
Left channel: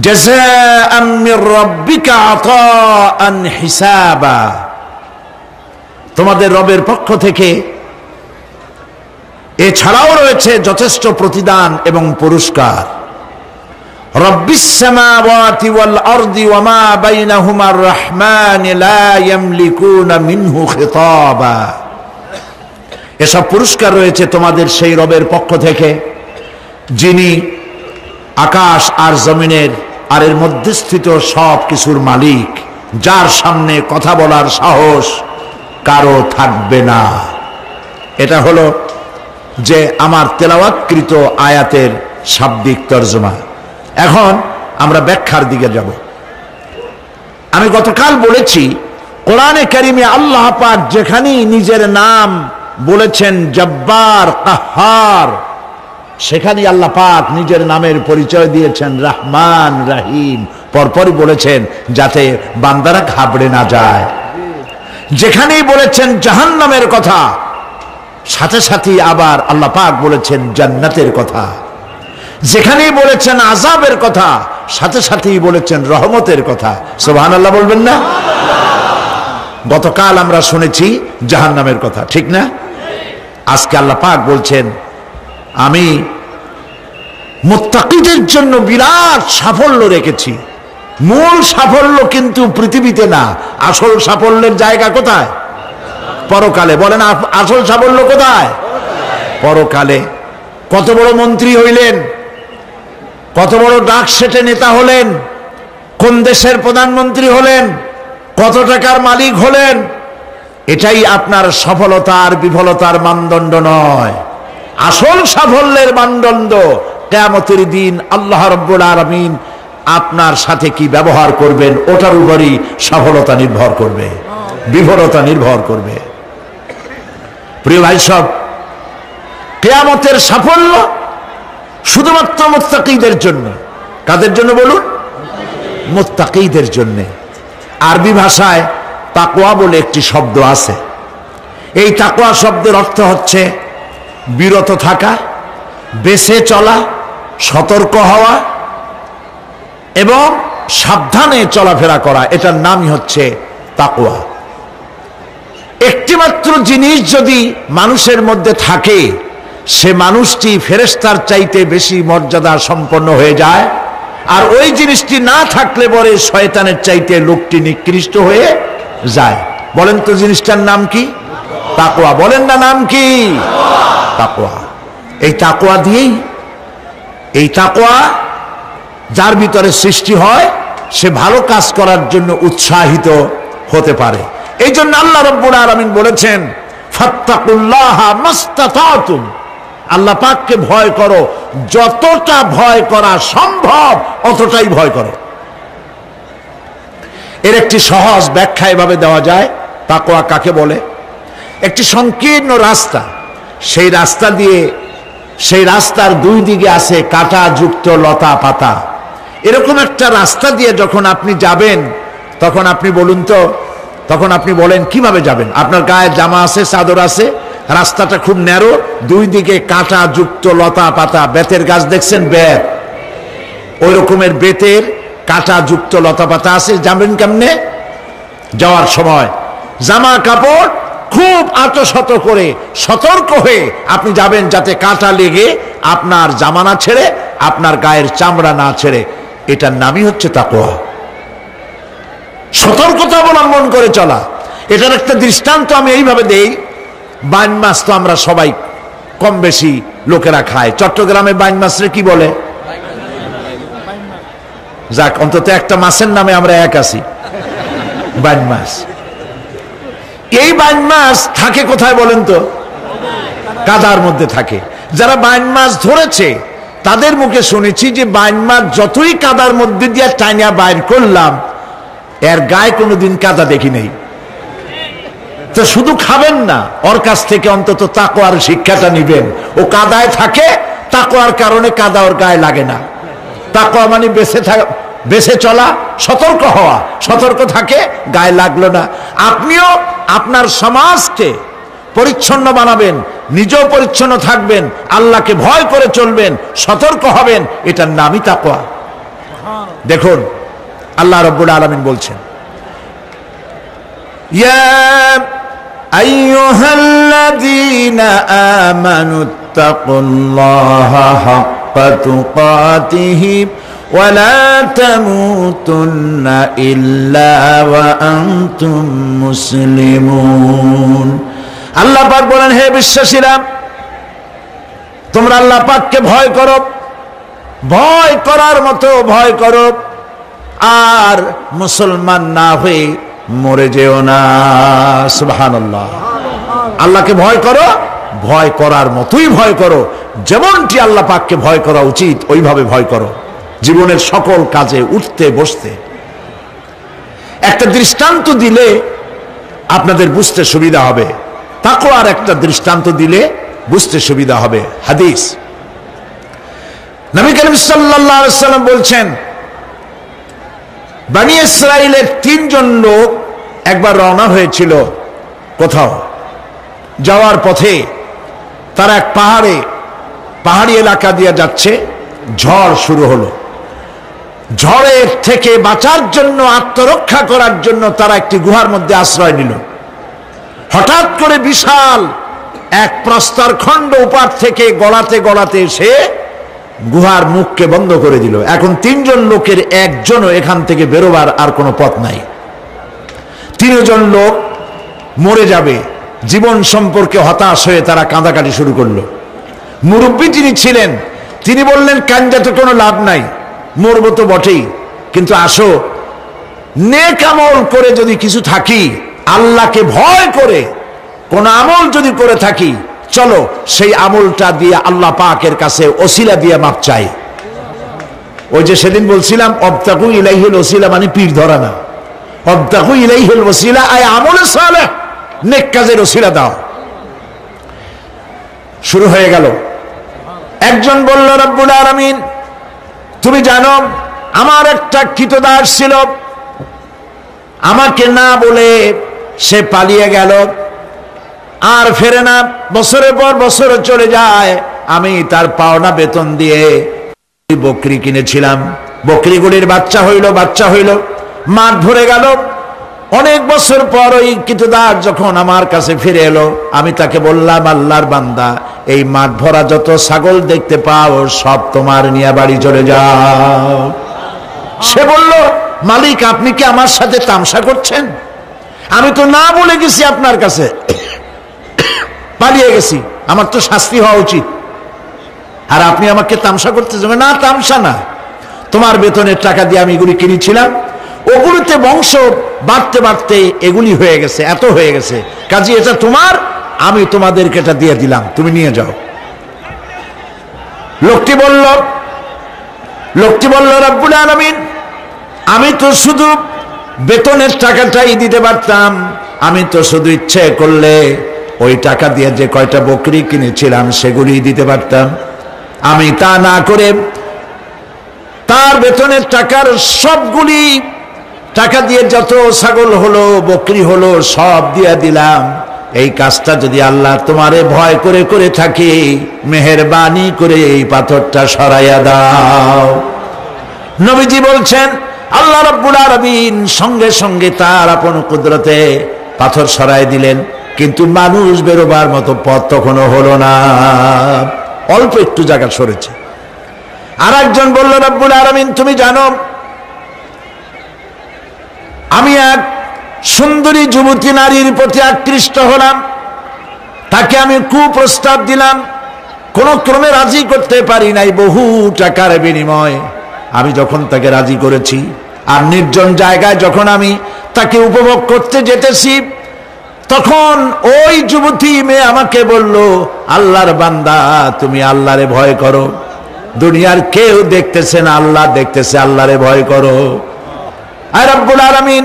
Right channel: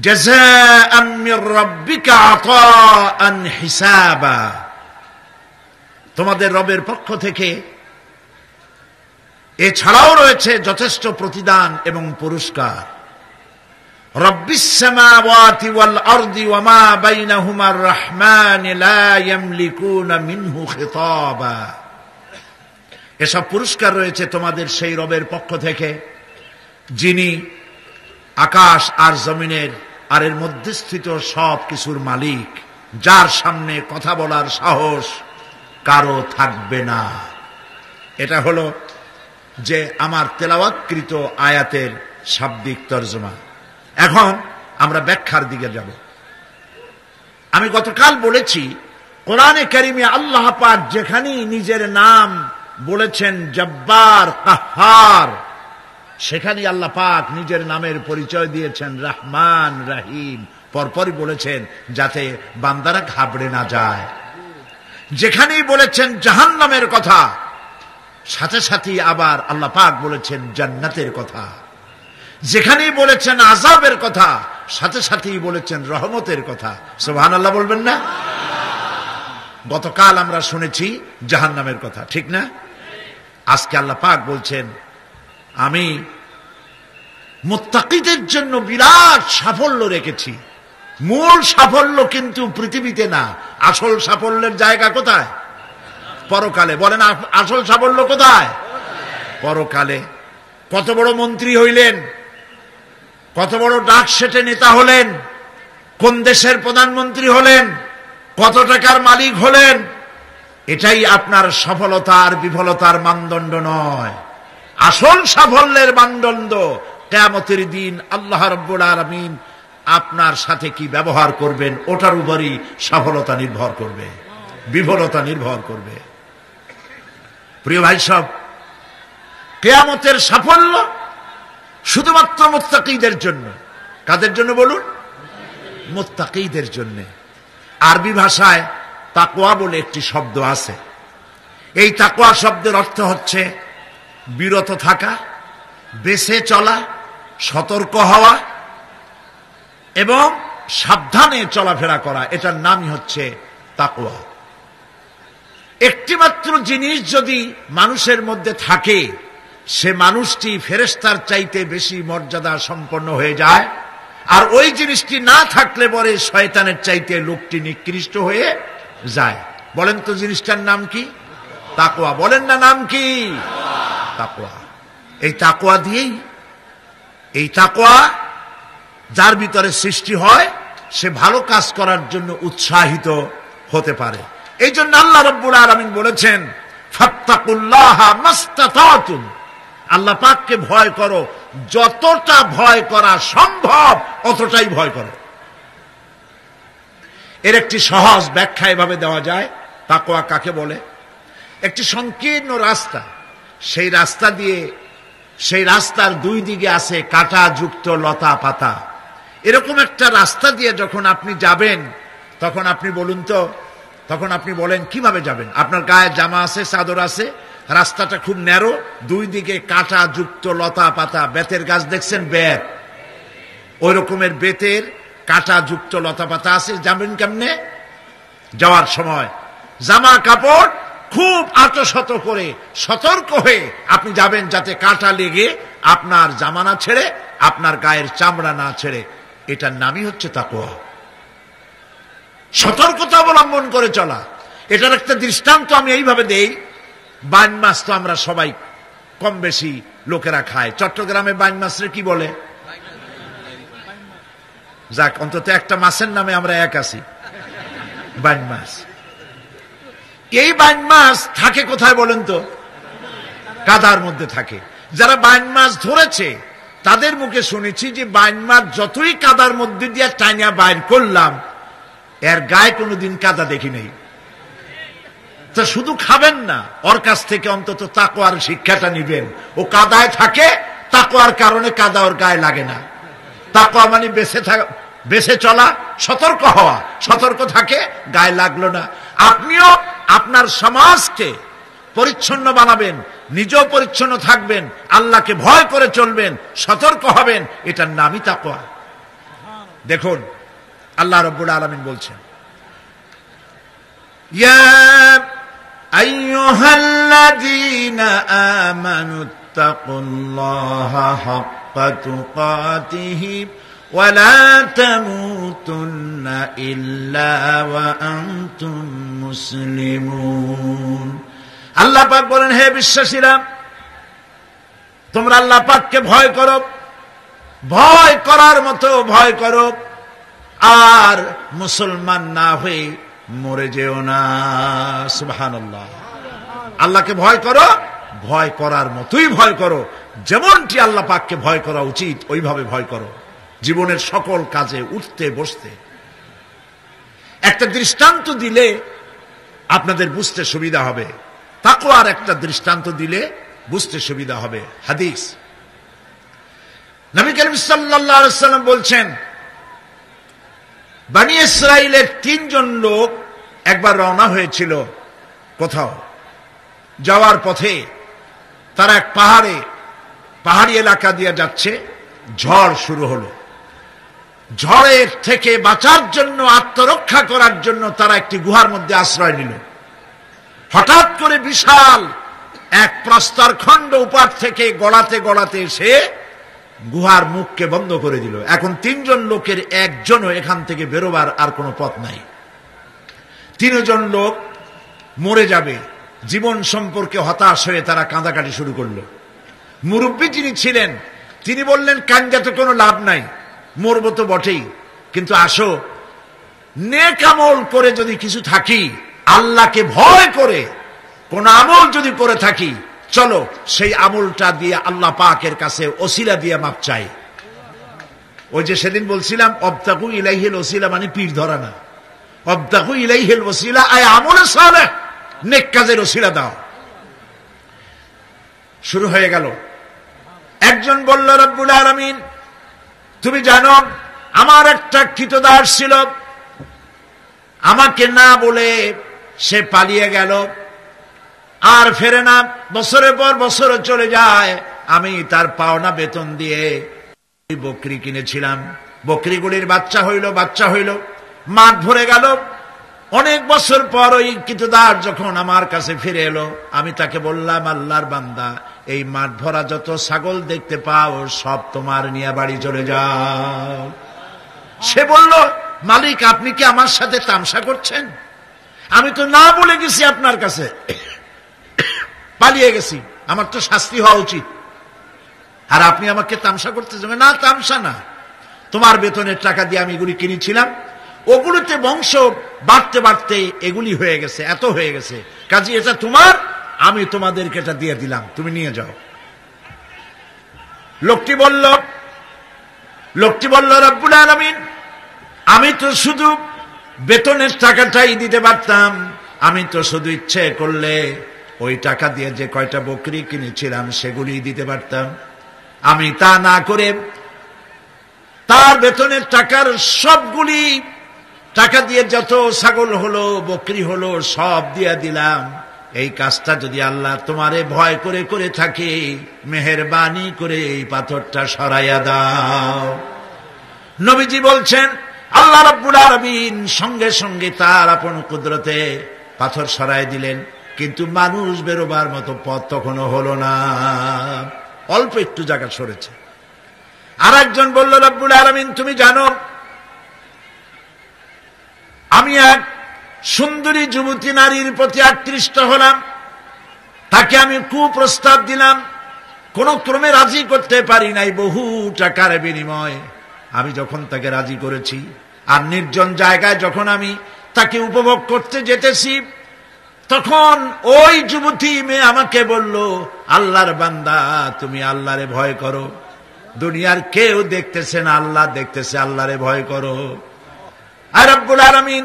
জাযাআম মির রাব্বিকা আতাআন হিসাবা, তোমাদের রবের পক্ষ থেকে এছাড়াও রয়েছে যথেষ্ট প্রতিদান এবং পুরস্কার। রব্বিস সামাওয়াতি ওয়াল আরদি ওয়া মা বাইনাহুমার রহমান লা ইয়ামলিকুনা মিনহু খিতাবা, এসব পুরস্কার রয়েছে তোমাদের সেই রবের পক্ষ থেকে যিনি আকাশ আর জমিনের আর এর মধ্যে স্থিত সব কিছুর মালিক, যার সামনে কথা বলার সাহস কারো থাকবে না। এটা হলো যে আমার তেলাওয়াতকৃত আয়াতের শাব্দিক তর্জমা। এখন আমরা ব্যাখ্যার দিকে যাব। আমি গতকাল বলেছি কোরআনে কারিমে আল্লাহ পাক যেখানেই নিজের নাম বলেছেন জব্বার, কাহ্হার, সেখানেই আল্লাহ পাক নিজের নামের পরিচয় দিয়েছেন রহমান, রহিম, পরপরই বলেছেন যাতে বান্দারা ঘাবড়ে না যায়। যেখানেই বলেছেন জাহান্নামের কথা, সাথে সাথে আবার আল্লাহ পাক বলেছেন জান্নাতের কথা। যেখানেই বলেছেন আযাবের কথা, সাথে সাথেই বলেছেন রহমতের কথা। সুবহানাল্লাহ বলবেন না? গতকাল আমরা শুনেছি জাহান্নামের কথা, ঠিক না? আজকে আল্লাহ পাক বলছেন আমি মুত্তাকিদের জন্য বিরাট সাফল্য রেখেছি। মূল সাফল্য কিন্তু পৃথিবীতে না, আসল সাফল্যের জায়গা কোথায়? পরকালে। বলেন আসল সাফল্য কোথায়? পরকালে। কত বড় মন্ত্রী হইলেন, কত বড় ডাক সেটে নেতা হলেন, কোন দেশের প্রধানমন্ত্রী হলেন, কত টাকার মালিক হলেন, এটাই আপনার সফলতার বিফলতার মানদণ্ড নয়। আসল সাফল্যের মানদণ্ড কিয়ামতের দিন আল্লাহ রাব্বুল আলামিন আপনার সাথে কি ব্যবহার করবেন, ওটার উপরই সফলতা নির্ভর করবে, বিফলতা নির্ভর করবে। প্রিয় ভাই সব, কিয়ামতের সাফল্য শুধুমাত্র মুত্তাকিদের জন্য। কাদের জন্য বলুন? মুত্তাকিদের জন্য। আরবি ভাষায় তাকওয়া বলে একটি শব্দ আছে। এই তাকওয়া শব্দের অর্থ হচ্ছে বিরত থাকা, বেঁচে চলা, সতর্ক হওয়া এবং সাবধানে চলাফেরা করা। এটার নামই হচ্ছে তাকওয়া। একটিমাত্র জিনিস যদি মানুষের মধ্যে থাকে, সে মানুষটি ফেরেশতার চাইতে বেশি মর্যাদা সম্পন্ন হয়ে যায়। আর ওই জিনিসটি না থাকলে পরে শয়তানের চাইতে লোকটি নিকৃষ্ট হয়ে যায়। বলেন তো জিনিসটার নাম কি? তাকওয়া। বলেন না নাম কি? তাকওয়া। এই তাকওয়া দিয়েই, এই তাকওয়া যার ভিতরে সৃষ্টি হয়, সে ভালো কাজ করার জন্য উৎসাহিত হতে পারে। এই জন্য আল্লাহ রাব্বুল আলামিন বলেছেন ফাত্তাকুল্লাহা মাস্তাতাতুম, আল্লাহ পাককে ভয় করো, যতটা ভয় করা সম্ভব অতটাই ভয় করো। এর একটি সহজ ব্যাখ্যা এভাবে দেওয়া যায়। তাকওয়া কাকে বলে? একটি সংকীর্ণ রাস্তা, সেই রাস্তা দিয়ে, সেই রাস্তার দুই দিকে আছে কাঁটা যুক্ত লতা পাতা। এরকম একটা রাস্তা দিয়ে যখন আপনি যাবেন, তখন আপনি বলুন তো, তখন আপনি বলেন কিভাবে যাবেন? আপনার গায়ে জামা আছে, চাদর আছে, রাস্তাটা খুব ন্যারো, দুই দিকে কাঁটা যুক্ত লতা পাতা। বেতের গাছ দেখছেন? বেত, ওই রকমের বেতের কাঁটা যুক্ত লতা পাতা আছে। যাবেন কেমনে? যাওয়ার সময় জামা কাপড় খুব আতশত করে সতর্ক হয়ে আপনি যাবেন, যাতে কাঁটা লেগে আপনার জামা না ছেড়ে, আপনার গায়ের চামড়া না ছেড়ে। এটার নামই হচ্ছে তাকওয়া। সতর্কতা অবলম্বন করে চলা। এটার একটা দৃষ্টান্ত আমি এইভাবে দেই। বাইন মাছ তো আমরা সবাই কম বেশি লোকেরা খায়। চট্টগ্রামে বাইন মাছরে কি বলে? যাক, অন্তত একটা মাছের নামে আমরা এক আছি, বাইন মাছ। এই বাইন মাছ থাকে কোথায় বলেন তো? কাদার মধ্যে থাকে। যারা বাইন মাছ ধরেছে তাদের মুখে শুনেছি যে বাইন মাছ যতই কাদার মধ্যে দিয়ে টাইনা বাইর করলাম, এর গায়ে কোনোদিন কাদা দেখি নেই। তো শুধু খাবেন না, ওর কাছ থেকে অন্তত তাকওয়ার শিক্ষাটা নিবেন। ও কাদায় থাকে, তাকওয়ার কারণে কাদা ওর গায়ে লাগে না। তাকওয়া মানে বেঁচে চলা, সতর্ক হওয়া। সতর্ক থাকে, গায়ে লাগলো না। আপনিও আপনার সমাজকে পরিচ্ছন্ন বানাবেন, নিজেও পরিচ্ছন্ন থাকবেন, আল্লাহকে ভয় করে চলবেন, সতর্ক হবেন। এটার নামই তাকওয়া। দেখুন আল্লাহ রাব্বুল আলামিন বলছেন, ইয়া আইয়ুহাল্লাযীনা আমানুত্তাকুল্লাহা হাক্কা তুকাতিহি ওয়া লা তামুতুন্না ইল্লা ওয়া আনতুম মুসলিমুন। আল্লাহ পাক বলেন, হে বিশ্বাসীরা, তোমরা আল্লাহ পাককে ভয় করো, ভয় করার মতো ভয় করো, আর মুসলমান না হয়ে মরে যেও না। সুবহানাল্লাহ। আল্লাহকে ভয় করো, ভয় করার মতোই ভয় করো, যেমনটি আল্লাহ পাককে ভয় করা উচিত ওইভাবে ভয় করো জীবনের সকল কাজে, উঠতে বসতে। একটা দৃষ্টান্ত দিলে আপনাদের বুঝতে সুবিধা হবে, তাকওয়ার একটা দৃষ্টান্ত দিলে বুঝতে সুবিধা হবে। হাদিস, নবী করিম সাল্লাল্লাহু আলাইহি ওয়াসাল্লাম বলছেন, বনি ইসরাইলের 3 জন লোক একবার রওনা হয়েছিল কোথাও, যাওয়ার পথে তারা এক পাহাড়ি এলাকা দিয়ে যাচ্ছে, ঝড় শুরু হলো। ঝড়ের থেকে বাঁচার জন্য, আত্মরক্ষা করার জন্য তারা একটি গুহার মধ্যে আশ্রয় নিল। হঠাৎ করে বিশাল এক প্রস্তর খণ্ড উপার থেকে গড়াতে গড়াতে এসে গুহার মুখকে বন্ধ করে দিল। এখন 3 জন লোকের একজনও এখান থেকে বেরোবার আর কোনো পথ নাই। 3 জন লোক মরে যাবে, জীবন সম্পর্কে হতাশ হয়ে তারা কাঁদাকাটি শুরু করলো। মুরব্বী যিনি ছিলেন তিনি বললেন, কান্দাতে কোনো লাভ নাই, মরবো তো বটেই, কিন্তু আসো নেক আমল করে যদি কিছু থাকি, আল্লাহকে ভয় করে কোন আমল যদি করে থাকি, চলো সেই আমলটা দিয়ে আল্লাহ পাকের কাছে ওসিলা দিয়ে মাপ চাই। ওই যে সেদিন বলছিলাম, অবতাকু ইলাইহিল ওসিলা মানে পীর ধরা না, অবতাকু ইলাইহিল ওসিলা আয় আমলে সালেহ, নেক কাজের ওসিলা দাও। শুরু হয়ে গেল। একজন বলল, রব্বুল আলামিন, তুমি জানো আমার একটা কৃতদাস ছিল, আমাকে না বলে সে পালিয়ে গেল, আর ফেরে না, বছরের পর বছর চলে যায়। আমি তার পাওনা বেতন দিয়ে বকরি কিনেছিলাম, বকরিগুলির বাচ্চা হইল, মাঠ ধরে গেল। অনেক বছর পর ওই কৃতদাস যখন আমার কাছে ফিরে এলো, আমি তাকে বললাম, আল্লাহর বান্দা, এই মাঠ ভরা যত ছাগল দেখতে পাও সব তোমার নিয়ে বাড়ি চলে যাও। সে বলল, মালিক, আপনি কি আমার সাথে তামসা করছেন? আমি তো না বলে গেছি আপনার কাছে, পালিয়ে গেছি, আমার তো শাস্তি হওয়া উচিত, আর আপনি আমাকে তামসা করতেছেন? না, তামসা না, তোমার বেতনের টাকা দিয়ে আমি এগুলি কিনেছিলাম, ওগুলোতে বংশ বাড়তে বাড়তে এগুলি হয়ে গেছে, এত হয়ে গেছে, কাজে এটা তোমার, আমি তোমাদেরকে এটা দিয়ে দিলাম, তুমি নিয়ে যাও। লোকটি বলল, রব্বুল আলামিন, আমি তো শুধু বেতনের টাকাটাই দিতে পারতাম, আমি তো শুধু ইচ্ছে করলে ওই টাকা দিয়ে যে কয়টা বকরি কিনেছিলাম সেগুলি দিতে পারতাম। আমি তা না করে তার বেতনের টাকার সবগুলি টাকা দিয়ে যত ছাগল হলো, বকরি হলো, সব দিয়ে দিলাম। এই কাজটা যদি আল্লাহ তোমারে ভয় করে করে থাকি, মেহেরবানি করে এই পাথরটা সরাইয়া দাও। নবীজি বলছেন, আল্লাহ রাব্বুল আলামিন সঙ্গে সঙ্গে তার আপন কুদরতে পাথর সরাই দিলেন, কিন্তু মানুষ বেরোবার মতো পথ তখনও হলো না, অল্প একটু জায়গা সরেছে। আর একজন বলল, রাব্বুল আলামিন, তুমি জানো আমি এক সুন্দরী যুবতী নারীর প্রতি আকৃষ্ট হলাম, তাকে আমি কুপ্রস্তাব দিলাম, কোন ক্রমে রাজি করতে পারি নাই, বহু টাকার বিনিময় আমি যখন তাকে রাজি করেছি, আর নির্জন জায়গায় যখন আমি তাকে উপভোগ করতে যেতেছি, তখন ওই যুবতী মেয়ে আমাকে বলল, আল্লাহর বান্দা, তুমি আল্লাহরে ভয় করো, দুনিয়ার কেউ দেখতেছে না, আল্লাহ দেখতেছে, আল্লাহরে ভয় করো। আর রব্বুল আলামিন,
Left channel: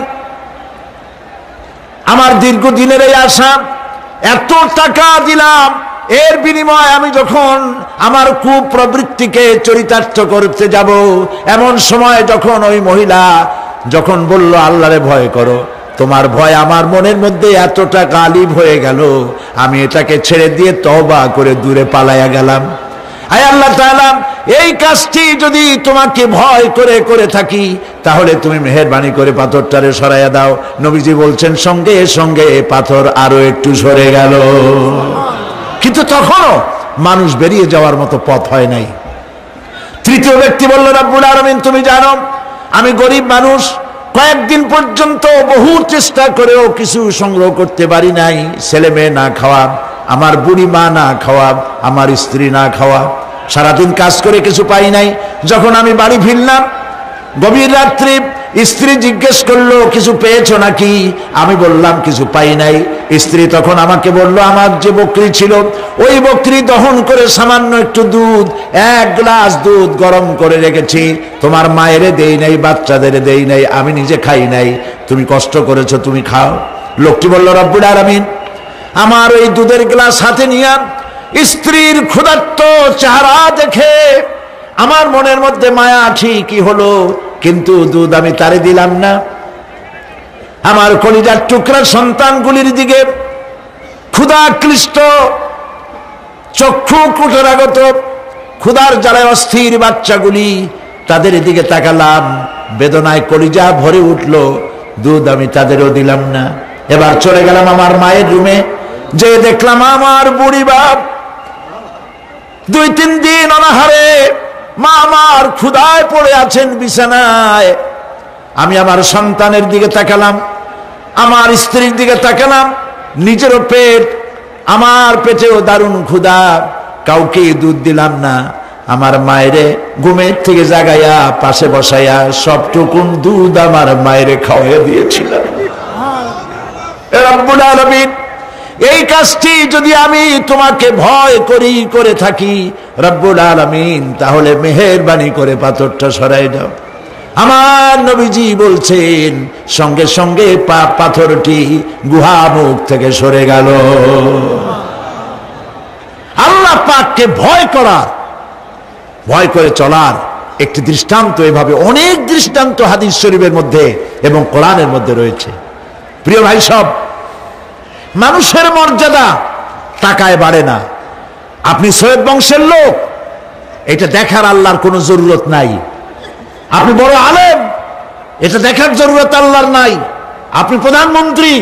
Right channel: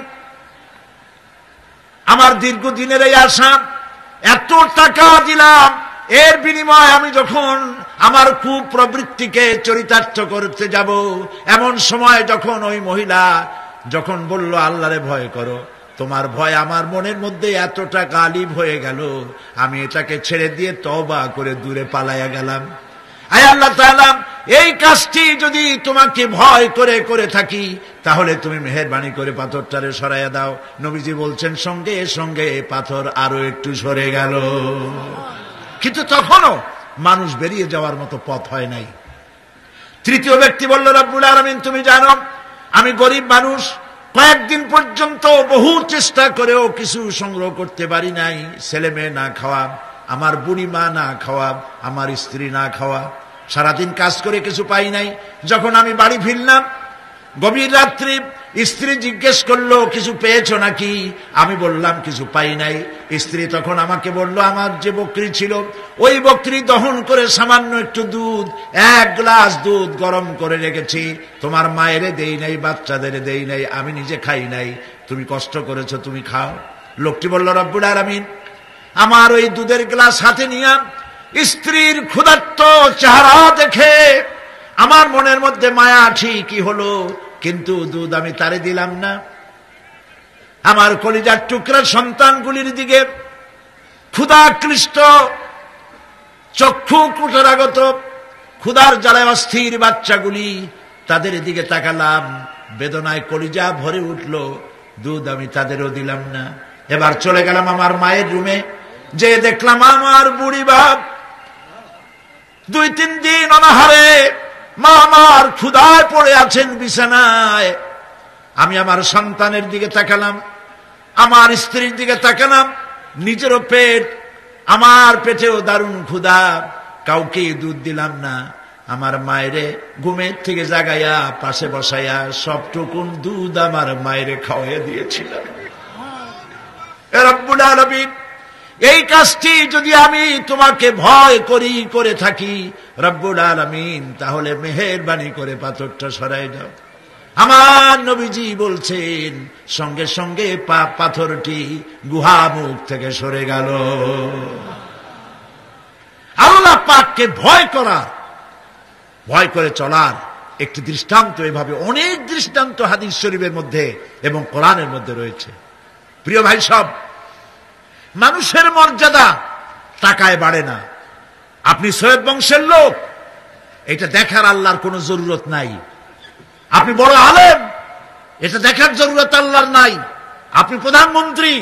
আমার দীর্ঘদিনের এই আশা, এত টাকা দিলাম, এর বিনিময়ে আমি যখন আমার কুপ্রবৃত্তিকে চরিতার্থ করতে যাব, এমন সময় যখন ওই মহিলা যখন বলল আল্লাহরে ভয় করো, তোমার ভয় আমার মনের মধ্যে এতটা গালিব হয়ে গেল, আমি এটাকে ছেড়ে দিয়ে তওবা করে দূরে পালাইয়া গেলাম। আয় আল্লাহ তাআলা, এই কাজটি যদি তোমাকে ভয় করে করে থাকি, তাহলে তুমি মেহেরবানি করে পাথরটারে সরাইয়া দাও। নবীজি বলছেন, সঙ্গে সঙ্গে পাথর আরো একটু সরে গেল, কিন্তু তখনও মানুষ বেরিয়ে যাওয়ার মতো পথ হয় নাই। তৃতীয় ব্যক্তি বলল, রাব্বুল আলামিন, তুমি জানো আমি গরিব মানুষ, কয়েকদিন পর্যন্ত বহু চেষ্টা করেও কিছু সংগ্রহ করতে পারি নাই। ছেলে মেয়ে না খাওয়া, আমার বুড়ি মা না খাওয়া, আমার স্ত্রী না খাওয়া, সারাদিন কাজ করে কিছু পাই নাই। যখন আমি বাড়ি ফিরলাম গভীর রাত্রে, স্ত্রী জিজ্ঞেস করলো কিছু পেয়েছো নাকি? আমি বললাম কিছু পাই নাই। স্ত্রী তখন আমাকে বলল, আমার যে বকরি ছিল ওই বকরি দহন করে সামান্য একটু দুধ, 1 গ্লাস দুধ গরম করে রেখেছি, তোমার মায়েরে দেই নাই, বাচ্চাদের দেই নাই, আমি নিজে খাই নাই, তুমি কষ্ট করেছো, তুমি খাও। লোকটি বলল, রব্বুল আলামিন আমার ওই দুধের গ্লাস হাতে নিয়ে স্ত্রীর ক্ষুধার্ত চেহারা দেখে আমার মনের মধ্যে মায়া ঠিকই হলো, কিন্তু দুধ আমি তারে দিলাম না। আমার কলিজার টুকরা সন্তানগুলির দিকে ক্ষুধাক্লিষ্ট চক্ষু কুটরাগত ক্ষুধার জ্বালায় অস্থির বাচ্চাগুলি, তাদের দিকে তাকালাম, বেদনায় কলিজা ভরে উঠল, দুধ আমি তাদেরও দিলাম না। এবার চলে গেলাম আমার মায়ের রুমে, যে দেখলাম আমার বুড়ি বাপ 2-3 দিন অনাহারে মা আমার ক্ষুধায় পড়ে আছেন বিছানায়। আমি আমার সন্তানের দিকে তাকালাম, আমার স্ত্রীর দিকে তাকালাম, নিজেরও পেট, আমার পেটেও দারুণ ক্ষুধা, কাউকে দুধ দিলাম না। আমার মায়েরে ঘুমের থেকে জাগাইয়া পাশে বসাইয়া সবটুকুন দুধ আমার মায়েরে খাওয়াইয়া দিয়েছিলাম। রব্বুল আলামিন এই কাজটি যদি আমি তোমাকে ভয় করি করে থাকি রব্বুল আলামিন, তাহলে মেহেরবানি করে পাথরটা সরাই দাও। আমার নবীজি বলছেন সঙ্গে সঙ্গে পাথরটি গুহা মুখ থেকে সরে গেল। আল্লাহ পাককে ভয় করার, ভয় করে চলার একটি দৃষ্টান্ত, এভাবে অনেক দৃষ্টান্ত হাদিস শরীফের মধ্যে এবং কোরআনের মধ্যে রয়েছে। প্রিয় ভাই সব, মানুষের মর্যাদা টাকায় বাড়ে না। আপনি সৈয়দ বংশের লোক, এটা দেখার আল্লাহর কোনো জরুরত নাই। আপনি বড় আলেম, এটা দেখার জরুরত আল্লাহর নাই। আপনি প্রধানমন্ত্রী,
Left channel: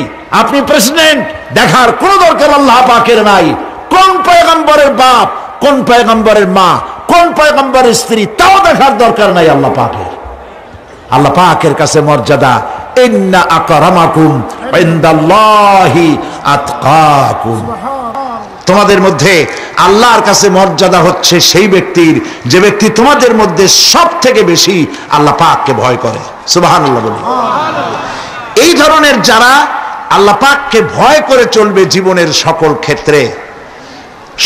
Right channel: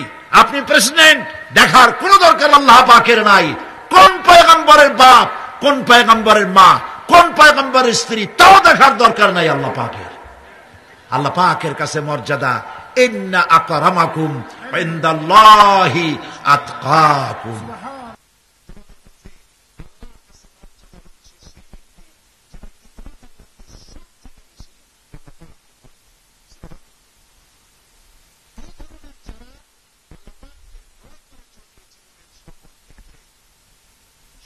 আপনি প্রেসিডেন্ট, দেখার কোনো দরকার আল্লাহ পাকের নাই। কোন পয়গম্বরের বাপ, কোন পয়গম্বরের মা, কোন পয়গম্বরের স্ত্রী, তাও দেখার দরকার নাই আল্লাহ পাকের। আল্লাহ পাকের কাছে মর্যাদা, ইন্না আকরামাকুম ইনদাল্লাহি আতকাকুম। তোমাদের মধ্যে আল্লাহর কাছে মর্যাদা হচ্ছে সেই ব্যক্তির যে ব্যক্তি তোমাদের মধ্যে সব থেকে বেশি আল্লাহ পাককে ভয় করে। সুবহানাল্লাহ বলি। এই ধরনের যারা আল্লাহ পাককে ভয় করে চলবে জীবনের সকল ক্ষেত্রে,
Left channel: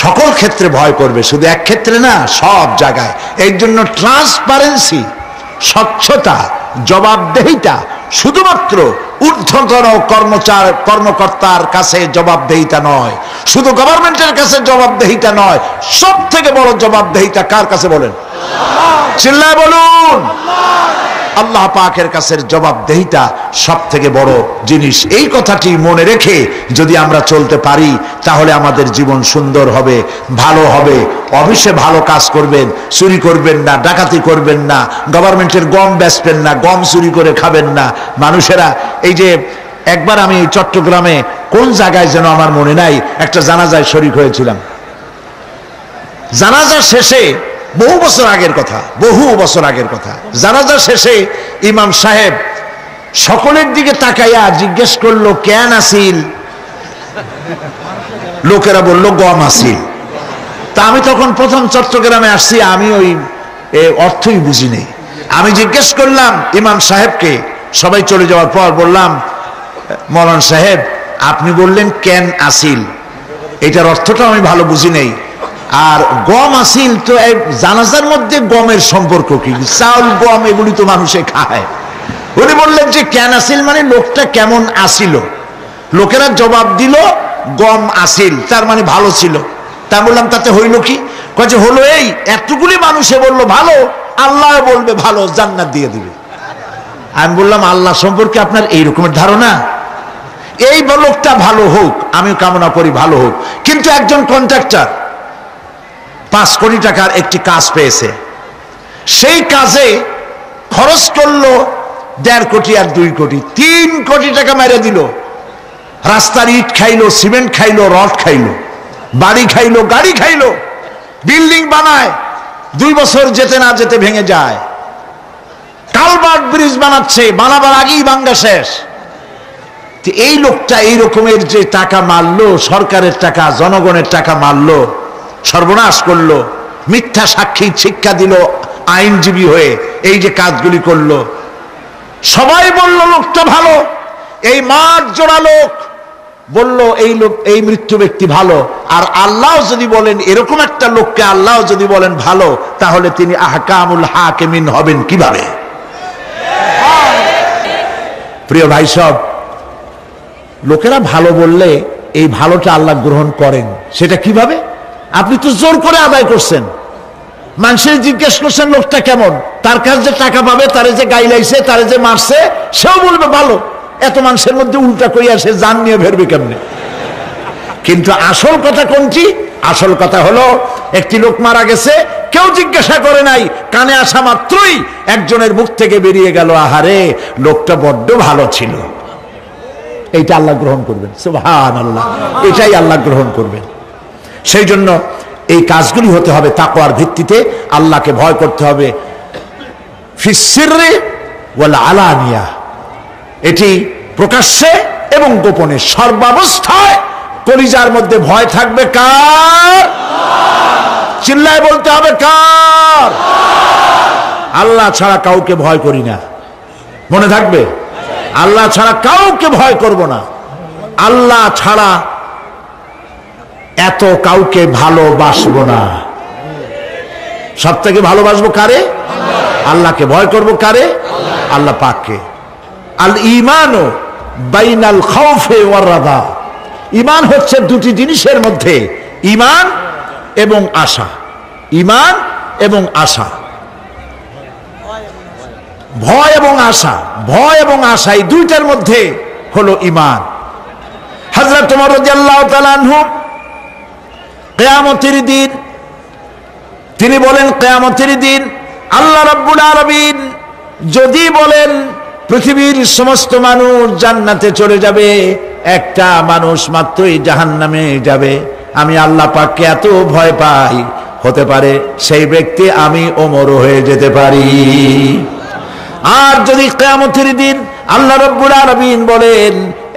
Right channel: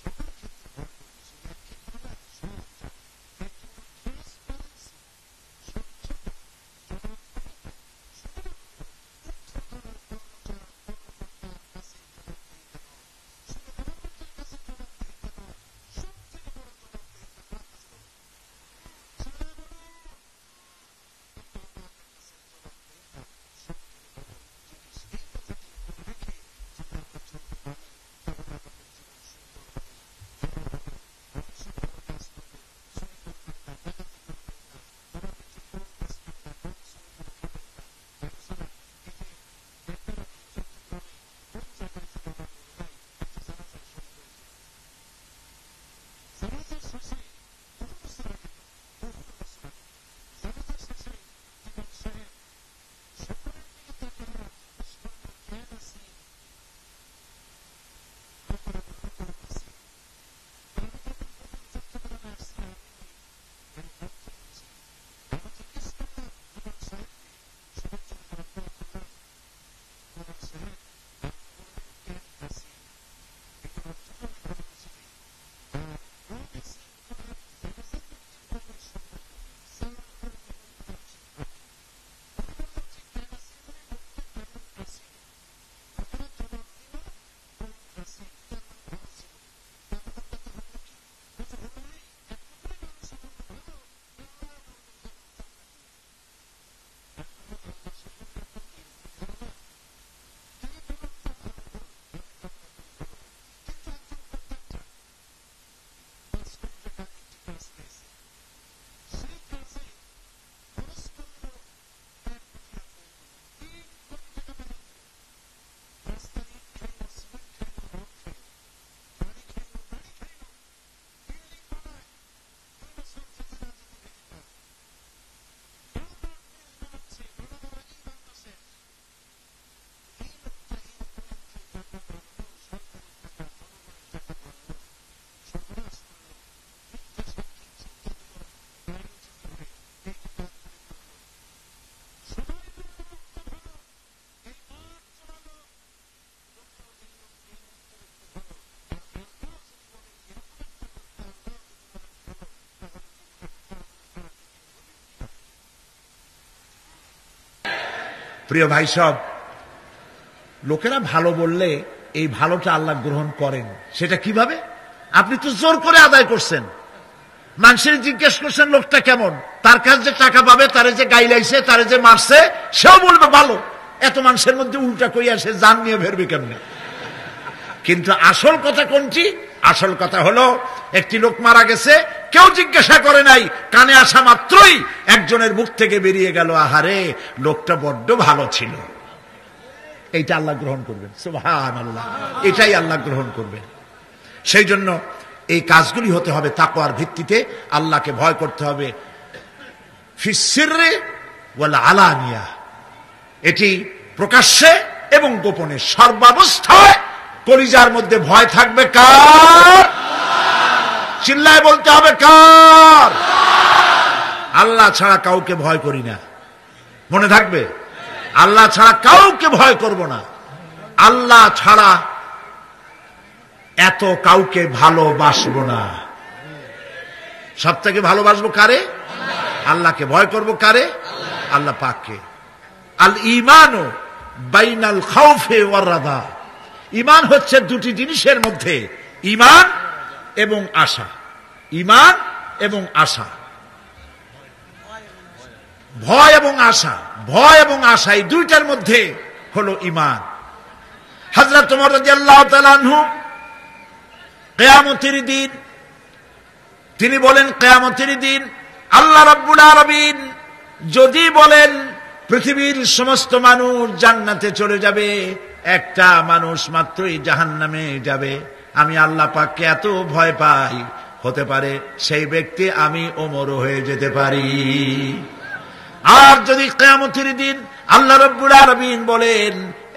সকল ক্ষেত্রে ভয় করবে, শুধু এক ক্ষেত্রে না, সব জায়গায়। এই জন্য ট্রান্সপারেন্সি, স্বচ্ছতা, জবাবদেহিতা শুধুমাত্র ঊর্ধ্বতন কর্মকর্তার কাছে জবাবদেহিতা নয়, শুধু গভর্নমেন্টের কাছে জবাবদেহিতা নয়, সব থেকে বড় জবাবদেহিতা কার কাছে বলেন? চিল্লায় বলুন। আল্লাহ পাকের কাছে জবাবদেহিতা সব থেকে বড় জিনিস। এই কথাটি মনে রেখে যদি আমরা চলতে পারি তাহলে আমাদের জীবন সুন্দর হবে, ভালো হবে। অফিসে ভালো কাজ করবেন, চুরি করবেন না, ডাকাতি করবেন না, গভর্নমেন্টের গম বেচবেন না, গম চুরি করে খাবেন না। মানুষেরা, এই যে একবার আমি চট্টগ্রামে কোন জায়গায় যেন আমার মনে নাই, একটা জানাজায় শরীক হয়েছিলাম। জানাজা শেষে, বহু বছর আগের কথা, জানাজা শেষে ইমাম সাহেব সকলের দিকে তাকাইয়া জিজ্ঞেস করলো, কেন আসিল? লোকেরা বলল গম আসিল। তা আমি তখন প্রথম চট্টগ্রামে আসছি, আমি ওই অর্থই বুঝি নেই। আমি জিজ্ঞেস করলাম ইমাম সাহেবকে, সবাই চলে যাওয়ার পর বললাম, মৌলানা সাহেব আপনি বললেন কেন আসিল, এটার অর্থটা আমি ভালো বুঝি নেই। আর গম আসিল, তো জানাজার মধ্যে গমের সম্পর্ক কি? চাউল গম এগুলি তো মানুষে খায়। উনি বললেন যে কেন আসিল মানে লোকটা কেমন আসিল। লোকেরা জবাব দিল গম আসিল, তার মানে ভালো ছিল। তা বললাম তাতে হইল কি? কয়েছে হলো এই, এতগুলি মানুষে বললো ভালো, আল্লাহ বলবে ভালো, জান্নাত দিয়ে দিবে। আমি বললাম আল্লাহ সম্পর্কে আপনার এই রকমের ধারণা? এই লোকটা ভালো হোক, আমি কামনা করি ভালো হোক, কিন্তু একজন কন্ট্রাক্টর 5 কোটি টাকার একটি কাজ পেয়েছে, সেই কাজে খরচ করলো 1.5 কোটি আর 2 কোটি, 3 কোটি টাকা মেরে দিল। রাস্তার ইট খাইলো, সিমেন্ট খাইলো, রড খাইলো, বাড়ি খাইলো, গাড়ি খাইলো, বিল্ডিং বানায়, 2 বছর যেতে না যেতে ভেঙে যায়। কালভার্ট ব্রিজ বানাচ্ছে, বানাবার আগেই ভাঙ্গা শেষ। এই লোকটা এই রকমের যে টাকা মারলো, সরকারের টাকা, জনগণের টাকা মারলো, সর্বনাশ করলো, মিথ্যা সাক্ষী শিক্ষা দিল আইনজীবী হয়ে, এই যে কাজগুলি করলো, সবাই বলল লোকটা ভালো। এই মাঠ জোড়া লোক বলল এই লোক, এই মৃত্যু ব্যক্তি ভালো। আর আল্লাহ যদি বলেন এরকম একটা লোককে আল্লাহ যদি বলেন ভালো, তাহলে তিনি আহকামুল হাকিমিন হবেন কিভাবে? প্রিয় ভাই সব, লোকেরা ভালো বললে এই ভালোটা আল্লাহ গ্রহণ করেন। সেটা কিভাবে? আপনি তো জোর করে আদায় করছেন, মানুষের জিজ্ঞেস করছেন লোকটা কেমন, তার কাছে যে টাকা পাবে, তারে যে গাইলাইছে, তারে যে মারছে, সেও বলবে ভালো। এত মানুষের মধ্যে উল্টা কইয়া সে জান নিয়ে ফেরবে কেমনে? কিন্তু আসল কথা কোনটি? আসল কথা হলো একটি লোক মারা গেছে, কেউ জিজ্ঞাসা করে নাই, কানে আসা মাত্রই একজনের মুখ থেকে বেরিয়ে গেল, আহারে লোকটা বড্ড ভালো ছিল। এইটা আল্লাহ গ্রহণ করবেন, সুবহানাল্লাহ, এটাই আল্লাহ গ্রহণ করবেন। সেই জন্য এই কাজগুলি হতে হবে তাকওয়ার ভিত্তিতে, আল্লাহকে ভয় করতে হবে ফিস সিররি ওয়াল আলানিয়া, এটি প্রকাশ্যে এবং গোপনে, সর্বাবস্থায় কলিজার মধ্যে ভয় থাকবে কার? চিল্লায় বলতে হবে কার? আল্লাহ ছাড়া কাউকে ভয় করি না, মনে থাকবে। আল্লাহ ছাড়া কাউকে ভয় করব না, আল্লাহ ছাড়া এত কাউকে ভালোবাসবো না। সব থেকে ভালোবাসবো কারে? আল্লাহকে। ভয় করব কারে? আল্লাহ পাককে। আল ঈমানু বাইনাল খাউফি ওয়ার রাদা, ঈমান হচ্ছে দুটি জিনিসের মধ্যে, ঈমান এবং আশা। ঈমান এবং আশা, ভয় এবং আশা, ভয় এবং আশা, এই দুইটার মধ্যে হলো ঈমান। হযরত ওমর রাদিয়াল্লাহু তাআলা আনহু কিয়ামতের দিন তিনি বলেন, কিয়ামতের দিন আল্লাহ রাব্বুল আলামিন যদি বলেন পৃথিবীর সমস্ত মানুষ জান্নাতে চলে যাবে, একটা মানুষ মাত্রই জাহান্নামে যাবে, আমি আল্লাহ পাককে এত ভয় পাই, হতে পারে সেই ব্যক্তি আমি ওমর হয়ে যেতে পারি। আর যদি কিয়ামতের দিন আল্লাহ রাব্বুল আলামিন বলেন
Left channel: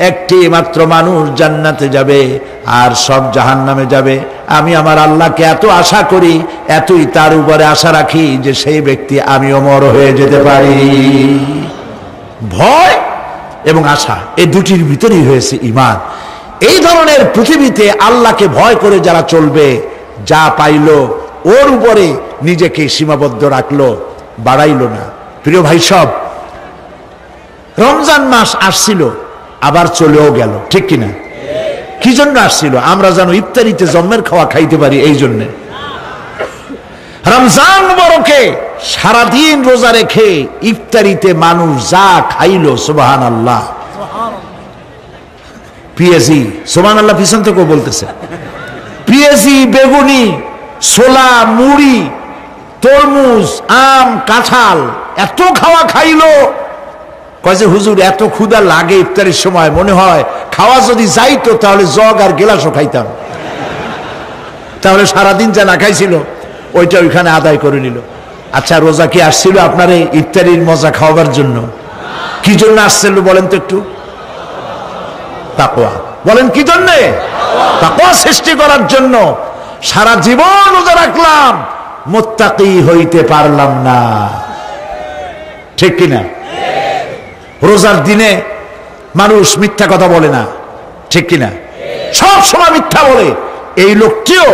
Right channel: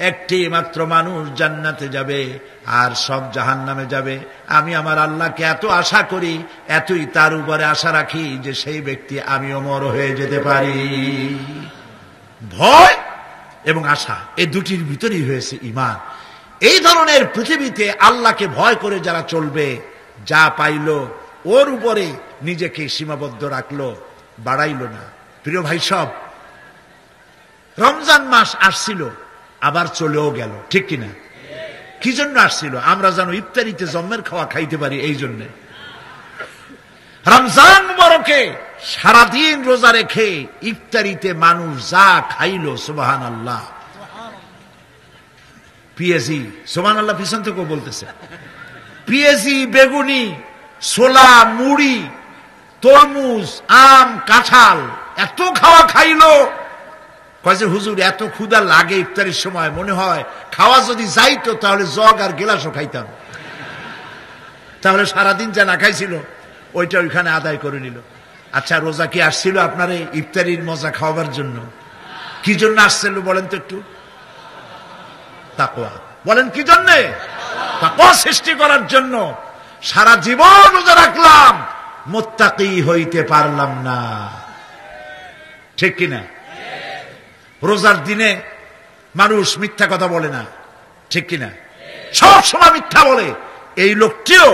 একটি মাত্র মানুষ জান্নাতে যাবে আর সব জাহান্নামে যাবে, আমি আমার আল্লাহকে এত আশা করি, এতই তার উপরে আশা রাখি যে সেই ব্যক্তি আমি ওমর হয়ে যেতে পারি। ভয় এবং আশা, এই দুটির ভিতরেই হয়েছে ঈমান। এই ধরনের পৃথিবীতে আল্লাহকে ভয় করে যারা চলবে, যা পাইলো ওর উপরে নিজেকে সীমাবদ্ধ রাখলো, বাড়াইলো না। প্রিয় ভাই সব, রমজান মাস আসছিল আবার চলেও গেল, ঠিক কিনা? কি জন্য আসছিল? আমরা যেন ইফতারিতে জম্মের খাওয়া খাইতে পারি, এই জন্য। রমজান মুবারকে সারাদিন রোজা রেখে ইফতারিতে মানুষ যা খাইলো, সুবহানাল্লাহ। পেঁয়াজি, সুবহানাল্লাহ, পিছন থেকেও বলতেছে, পেঁয়াজি, বেগুনি, ছোলা, মুড়ি, তরমুজ, আম, কাঁঠাল, এত খাওয়া খাইলো। কয় যে হুজুর এত ক্ষুধা লাগে ইফতারের সময়, মনে হয় খাওয়া যদি যাইতো তাহলে জগ আর গেলাসও খাইতাম। তাহলে সারাদিন যা না খাইছিল ওইটা ওইখানে আদায় করে নিল। আচ্ছা, রোজা কি আসছিল আপনার এই ইফতারির মজা খাওয়াবার জন্য? কি জন্য আসছিল বলেন তো একটু? তাকওয়া। বলেন কি জন্য? তাকওয়া সৃষ্টি করার জন্য। সারা জীবন রোজা রাখলাম, মুত্তাকি হইতে পারলাম না, ঠিক কিনা? রোজার দিনে মানুষ মিথ্যা কথা বলে না, ঠিক কিনা? সব সময় মিথ্যা বলে। এই লোকটিও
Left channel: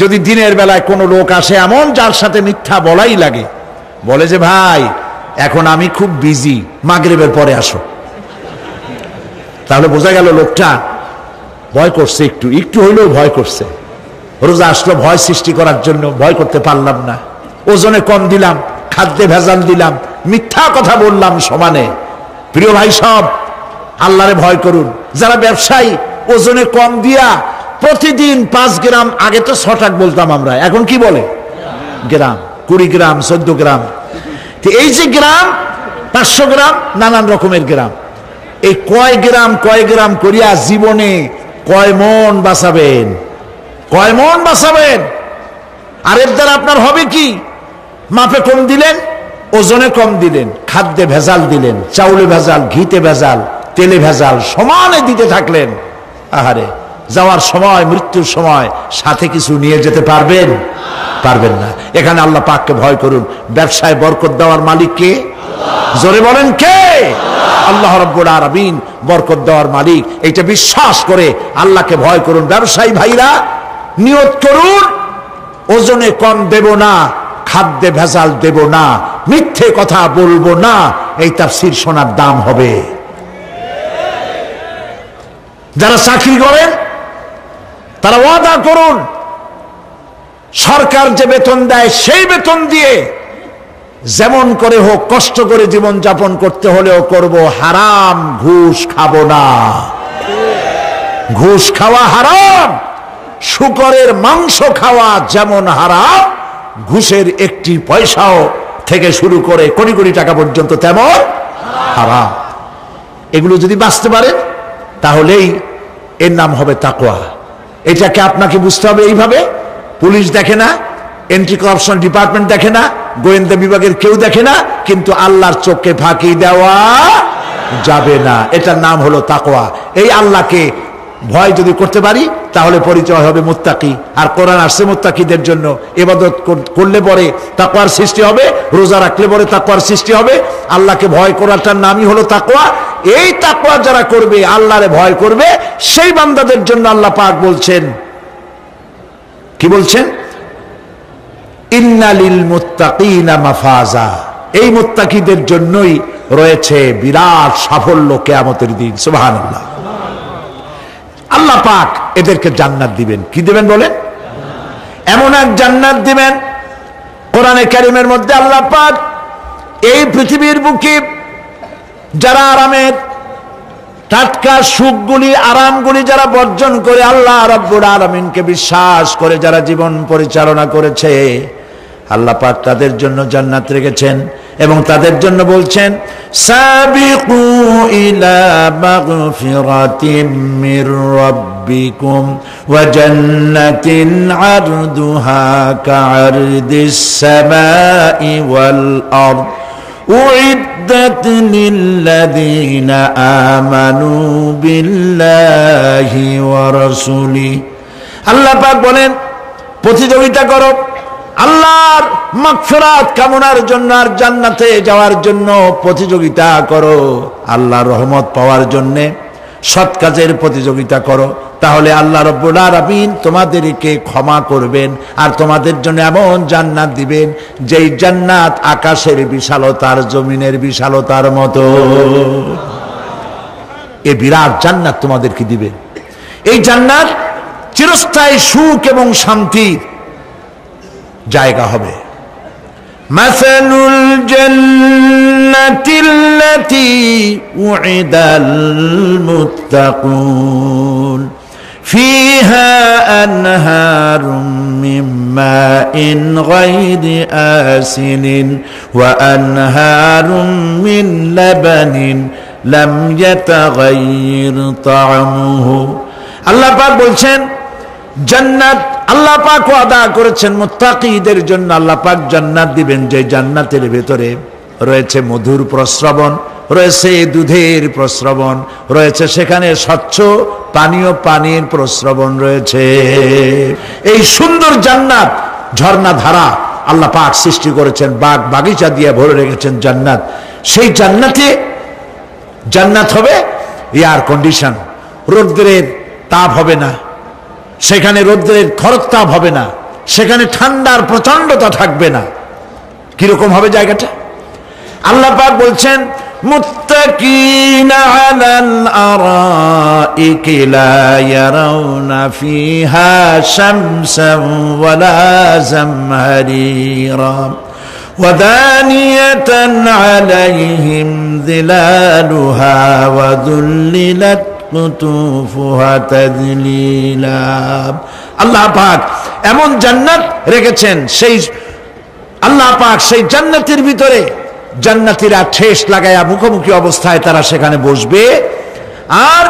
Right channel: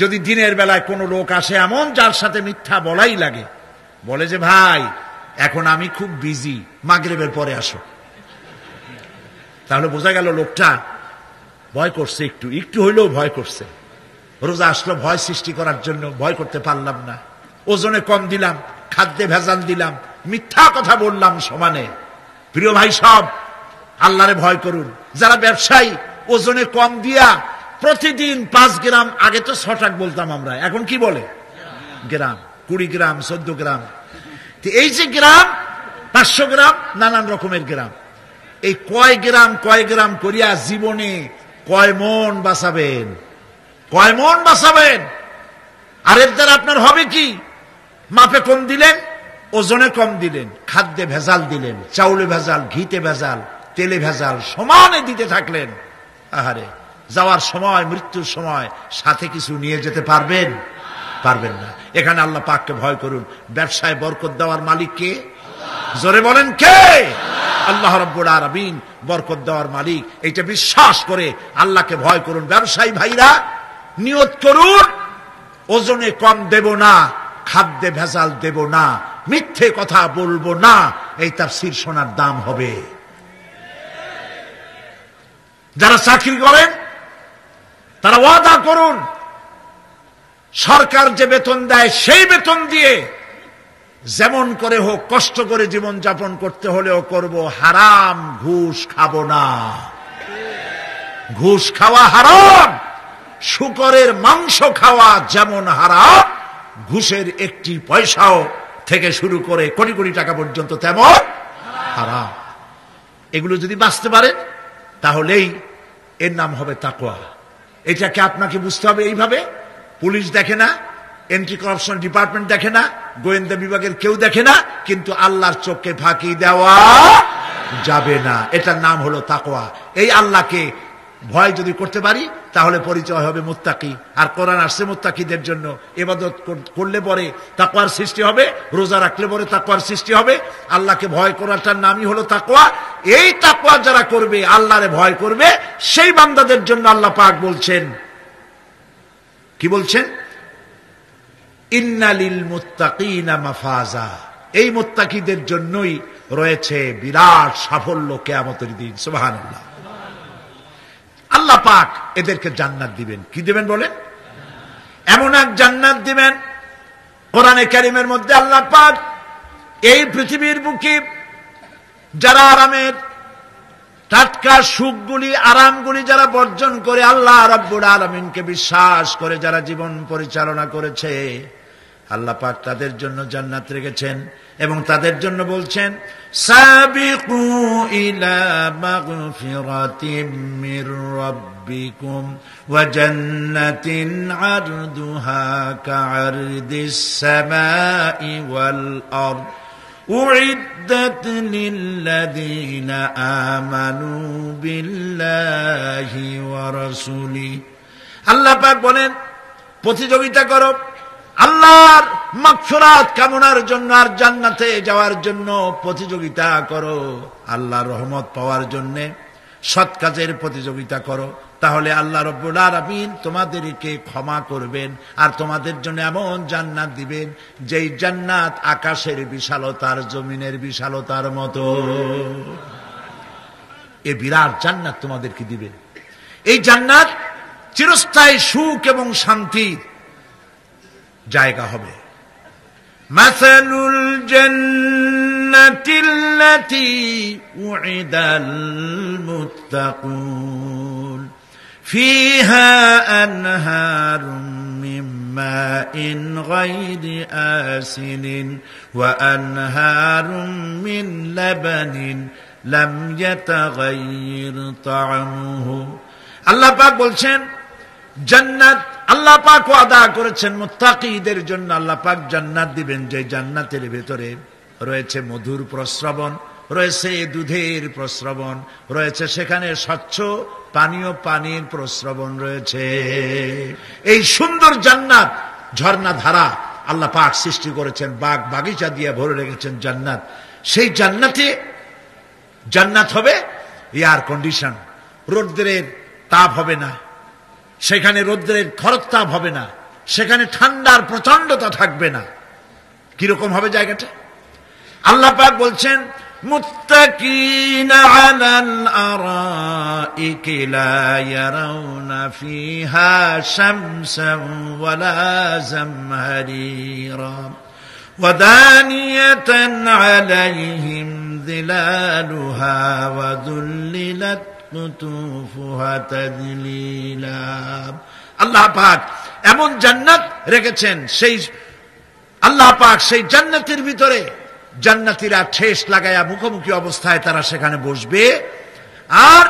যদি দিনের বেলায় কোনো লোক আসে এমন যার সাথে মিথ্যা বলাই লাগে, বলে যে ভাই এখন আমি খুব বিজি, মাগরিবের পরে আসো, তাহলে বোঝা গেল লোকটা ভয় করছে, একটু একটু হইলেও ভয় করছে। রোজা আসলো ভয় সৃষ্টি করার জন্য, ভয় করতে পারলাম না, ওজনে কম দিলাম, খাদ্যে ভেজাল দিলাম, মিথ্যা কথা বললাম সমানে। প্রিয় ভাই সব, আল্লাহরে ভয় করুন। যারা ব্যবসায়ী ওজনে কম দিয়া প্রতিদিন 5 গ্রাম, আগে তো 6 টাকা বলতাম আমরা, এখন কি বলে? গ্রাম, 20 গ্রাম, 14 গ্রাম। এই যে গ্রাম, 500 গ্রাম, নানান রকমের গ্রাম, এই কয় গ্রাম করিয়া জীবনে কয় মন বাঁচাবেন? কয় মন বাঁচাবেন? আর এর দ্বারা আপনার হবে কি? মাপে কম দিলেন, ওজনে কম দিলেন, খাদ্যে ভেজাল দিলেন, চাউলে ভেজাল, ঘিতে ভেজাল, তেলে ভেজাল, সমানে দিতে থাকলেন। আহারে, যাওয়ার সময়, মৃত্যুর সময় সাথে কিছু নিয়ে যেতে পারবেন? পারবেন না। এখানে আল্লাহ পাককে ভয় করুন। ব্যবসায় বরকত দেওয়ার মালিক কে? জোরে বলেন কে? আল্লাহ রাব্বুল আলামিন বরকত দেওয়ার মালিক। এইটা বিশ্বাস করে আল্লাহকে ভয় করুন। ব্যবসায়ী ভাইরা নিয়ত করুন, ওজনে কম দেব না, খাদ্যে ভেজাল দেব না, মিথ্যে কথা বলবো না। এই তাফসীর শোনার দাম হবে। যারা চাকরি করেন তারা ওয়াদা করুন, সরকার যে বেতন দেয় সেই বেতন দিয়ে যেমন করে হোক কষ্ট করে জীবন যাপন করতে হলেও করব, হারাম ঘুষ খাবো না। ঘুষ খাওয়া হারাম। শূকরের মাংস খাওয়া যেমন হারাম, ঘুষের একটি পয়সাও থেকে শুরু করে কোটি কোটি টাকা পর্যন্ত তেমন হারাম। এগুলো যদি বাঁচতে পারেন তাহলেই এর নাম হবে তাকওয়া। এটাকে আপনাকে বুঝতে হবে এইভাবে। পুলিশ দেখে না, এন্টি করাপশন ডিপার্টমেন্ট দেখে না, গোয়েন্দা বিভাগের কেউ দেখে না, কিন্তু আল্লাহর চোখে ফাঁকি দেওয়া যাবে না। এটার নাম হলো তাকওয়া। এই আল্লাহকে ভয় যদি করতে পারি তাহলে পরিচয় হবে মুত্তাকি। আর কোরআন আসছে মুত্তাকিদের জন্য। ইবাদত করলে পরে তাকওয়ার সৃষ্টি হবে, রোজা রাখলে পরে তাকওয়ার সৃষ্টি হবে। আল্লাহকে ভয় করাটার নামই হলো তাকওয়া। এই তাকওয়া যারা করবে, আল্লাহরে ভয় করবে, সেই বান্দাদের জন্য আল্লাহ পাক বলছেন, কি বলছেন? ইন্নালিল মুত্তাকিনা মাফাজা। এই মুত্তাকিদের জন্যই রয়েছে বিরাট সাফল্য কিয়ামতের দিন। সুবহানাল্লাহ। আল্লাহ পাক এদেরকে জান্নাত দিবেন। কি দিবেন বলেন? এমন এক জান্নাত দিবেন, কোরআনে কারীমের মধ্যে আল্লাহ পাক এই পৃথিবীর বুকে যারা আরামের টাটকা সুখগুলি, আরামগুলি যারা বর্জন করে আল্লাহ রাব্বুল আলামিনকে বিশ্বাস করে যারা জীবন পরিচালনা করেছে, আল্লাহ পাক তাদের জন্য জান্নাত রেখেছেন। এবং তাদের জন্য বলছেন, সাবিকু ইলা মাগফিরাতিম মির রাব্বিকুম ওয়া জান্নাতিন আরদুহা কাআরদিস সামাই ওয়াল আরদ উইদ্দাত লিল্লাযীনা আমানু বিল্লাহি ওয়া রাসূলিহি। আল্লাহ পাক বলেন, প্রতিযোগিতা করো আল্লাহর মাগফিরাত কামনার জন্য আর জান্নাতে যাওয়ার জন্য প্রতিযোগিতা করো। আল্লাহর রহমত পাওয়ার জন্য সৎ কাজের প্রতিযোগিতা করো, তাহলে আল্লাহ রাব্বুল আলামিন তোমাদেরকে ক্ষমা করবেন আর তোমাদের জন্য এমন জান্নাত দিবেন যেই জান্নাত আকাশের বিশালতার, জমিনের বিশালতার মতো। এই বিরাট জান্নাত তোমাদেরকে দিবে। এই জান্নাত চিরস্থায়ী সুখ এবং শান্তির জায়গা হবে। মাসালুল জান্নাতিল্লাতী উইদাল মুত্তাকুন ফিহা আনহারুম মিন মাইন গায়রি আসিনিন ওয়া আনহারুম মিন লাবানিন লাম ইয়াতাগায়্যার তা'আমুহু। আল্লাহ পাক বলছেন, জান্নাত আল্লাহ পাক ওয়াদা করেছেন মুত্তাকিদের জন্য। আল্লাহ পাক জান্নাত দিবেন যে জান্নাতের ভেতরে রয়েছে মধুর প্রস্রবণ, রয়েছে দুধের প্রস্রবণ, রয়েছে সেখানে স্বচ্ছ পানীয় পানির প্রস্রবণ রয়েছে। এই সুন্দর জান্নাত, ঝর্ণা ধারা আল্লাহ পাক সৃষ্টি করেছেন, বাগ বাগিচা দিয়ে ভরে রেখেছেন জান্নাত। সেই জান্নাতে জান্নাত হবে এয়ার কন্ডিশন, রৌদ্রের তাপ হবে না সেখানে, রৌদ্রের খরতাপ হবে না সেখানে, ঠান্ডার প্রচন্ডতা থাকবে না। কিরকম হবে জায়গাটা? আল্লাহ পাক বলছেন, মুত্তাকিনা আলাল আরাইকি লা ইয়ারাউনা ফিহা শামসান ওয়ালা জামহারিরা ওয়া দানিয়াতান আলাইহিম যিলালুহা ওয়া যুল্লিলাত কুতুফুহা তাযলিলা। আল্লাহ পাক এমন জান্নাত রেখেছেন, সেই আল্লাহ পাক সেই জান্নাতের ভিতরে জান্নাতীরা ঠেস লাগায়া মুখোমুখি অবস্থায় তারা সেখানে বসবে। আর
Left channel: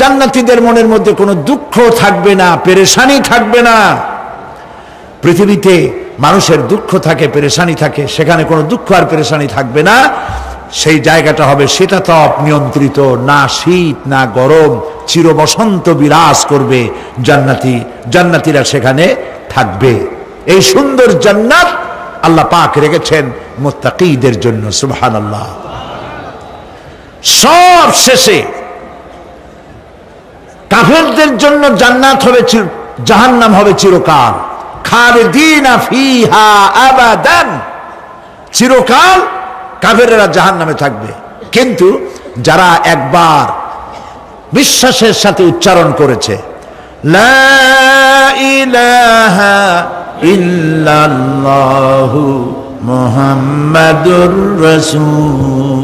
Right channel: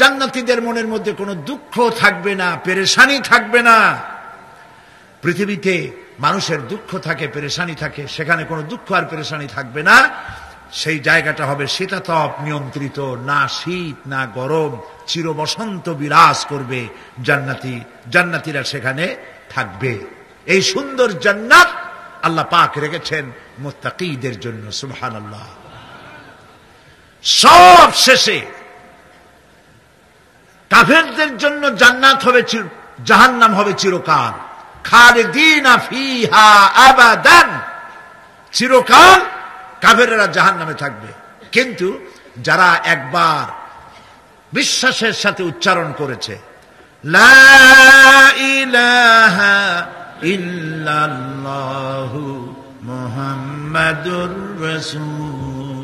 জান্নাতীদের মনের মধ্যে কোনো দুঃখ থাকবে না, পেরেশানি থাকবে না। পৃথিবীতে মানুষের দুঃখ থাকে, পেরেশানি থাকে, সেখানে কোনো দুঃখ আর পেরেশানি থাকবে না। সেই জায়গাটা হবে শীতাতপ নিয়ন্ত্রিত, না শীত না গরম, চির বসন্ত বিরাজ করবে। জান্নাতীরা সেখানে থাকবে। এই সুন্দর জান্নাত আল্লাহ পাক রেখেছেন মুত্তাকীদের জন্য। সুবহানাল্লাহ। সব শেষে কাফেরদের জন্য জান্নাত হবে, জাহান্নাম হবে চিরকাল। খালিদিনা ফিহা আবাদান, চিরকাল কাফেরেরা জাহান্নামে থাকবে। কিন্তু যারা একবার বিশ্বাসের সাথে উচ্চারণ করেছে লা ইলাহা ইল্লাল্লাহু মুহাম্মাদুর রাসূল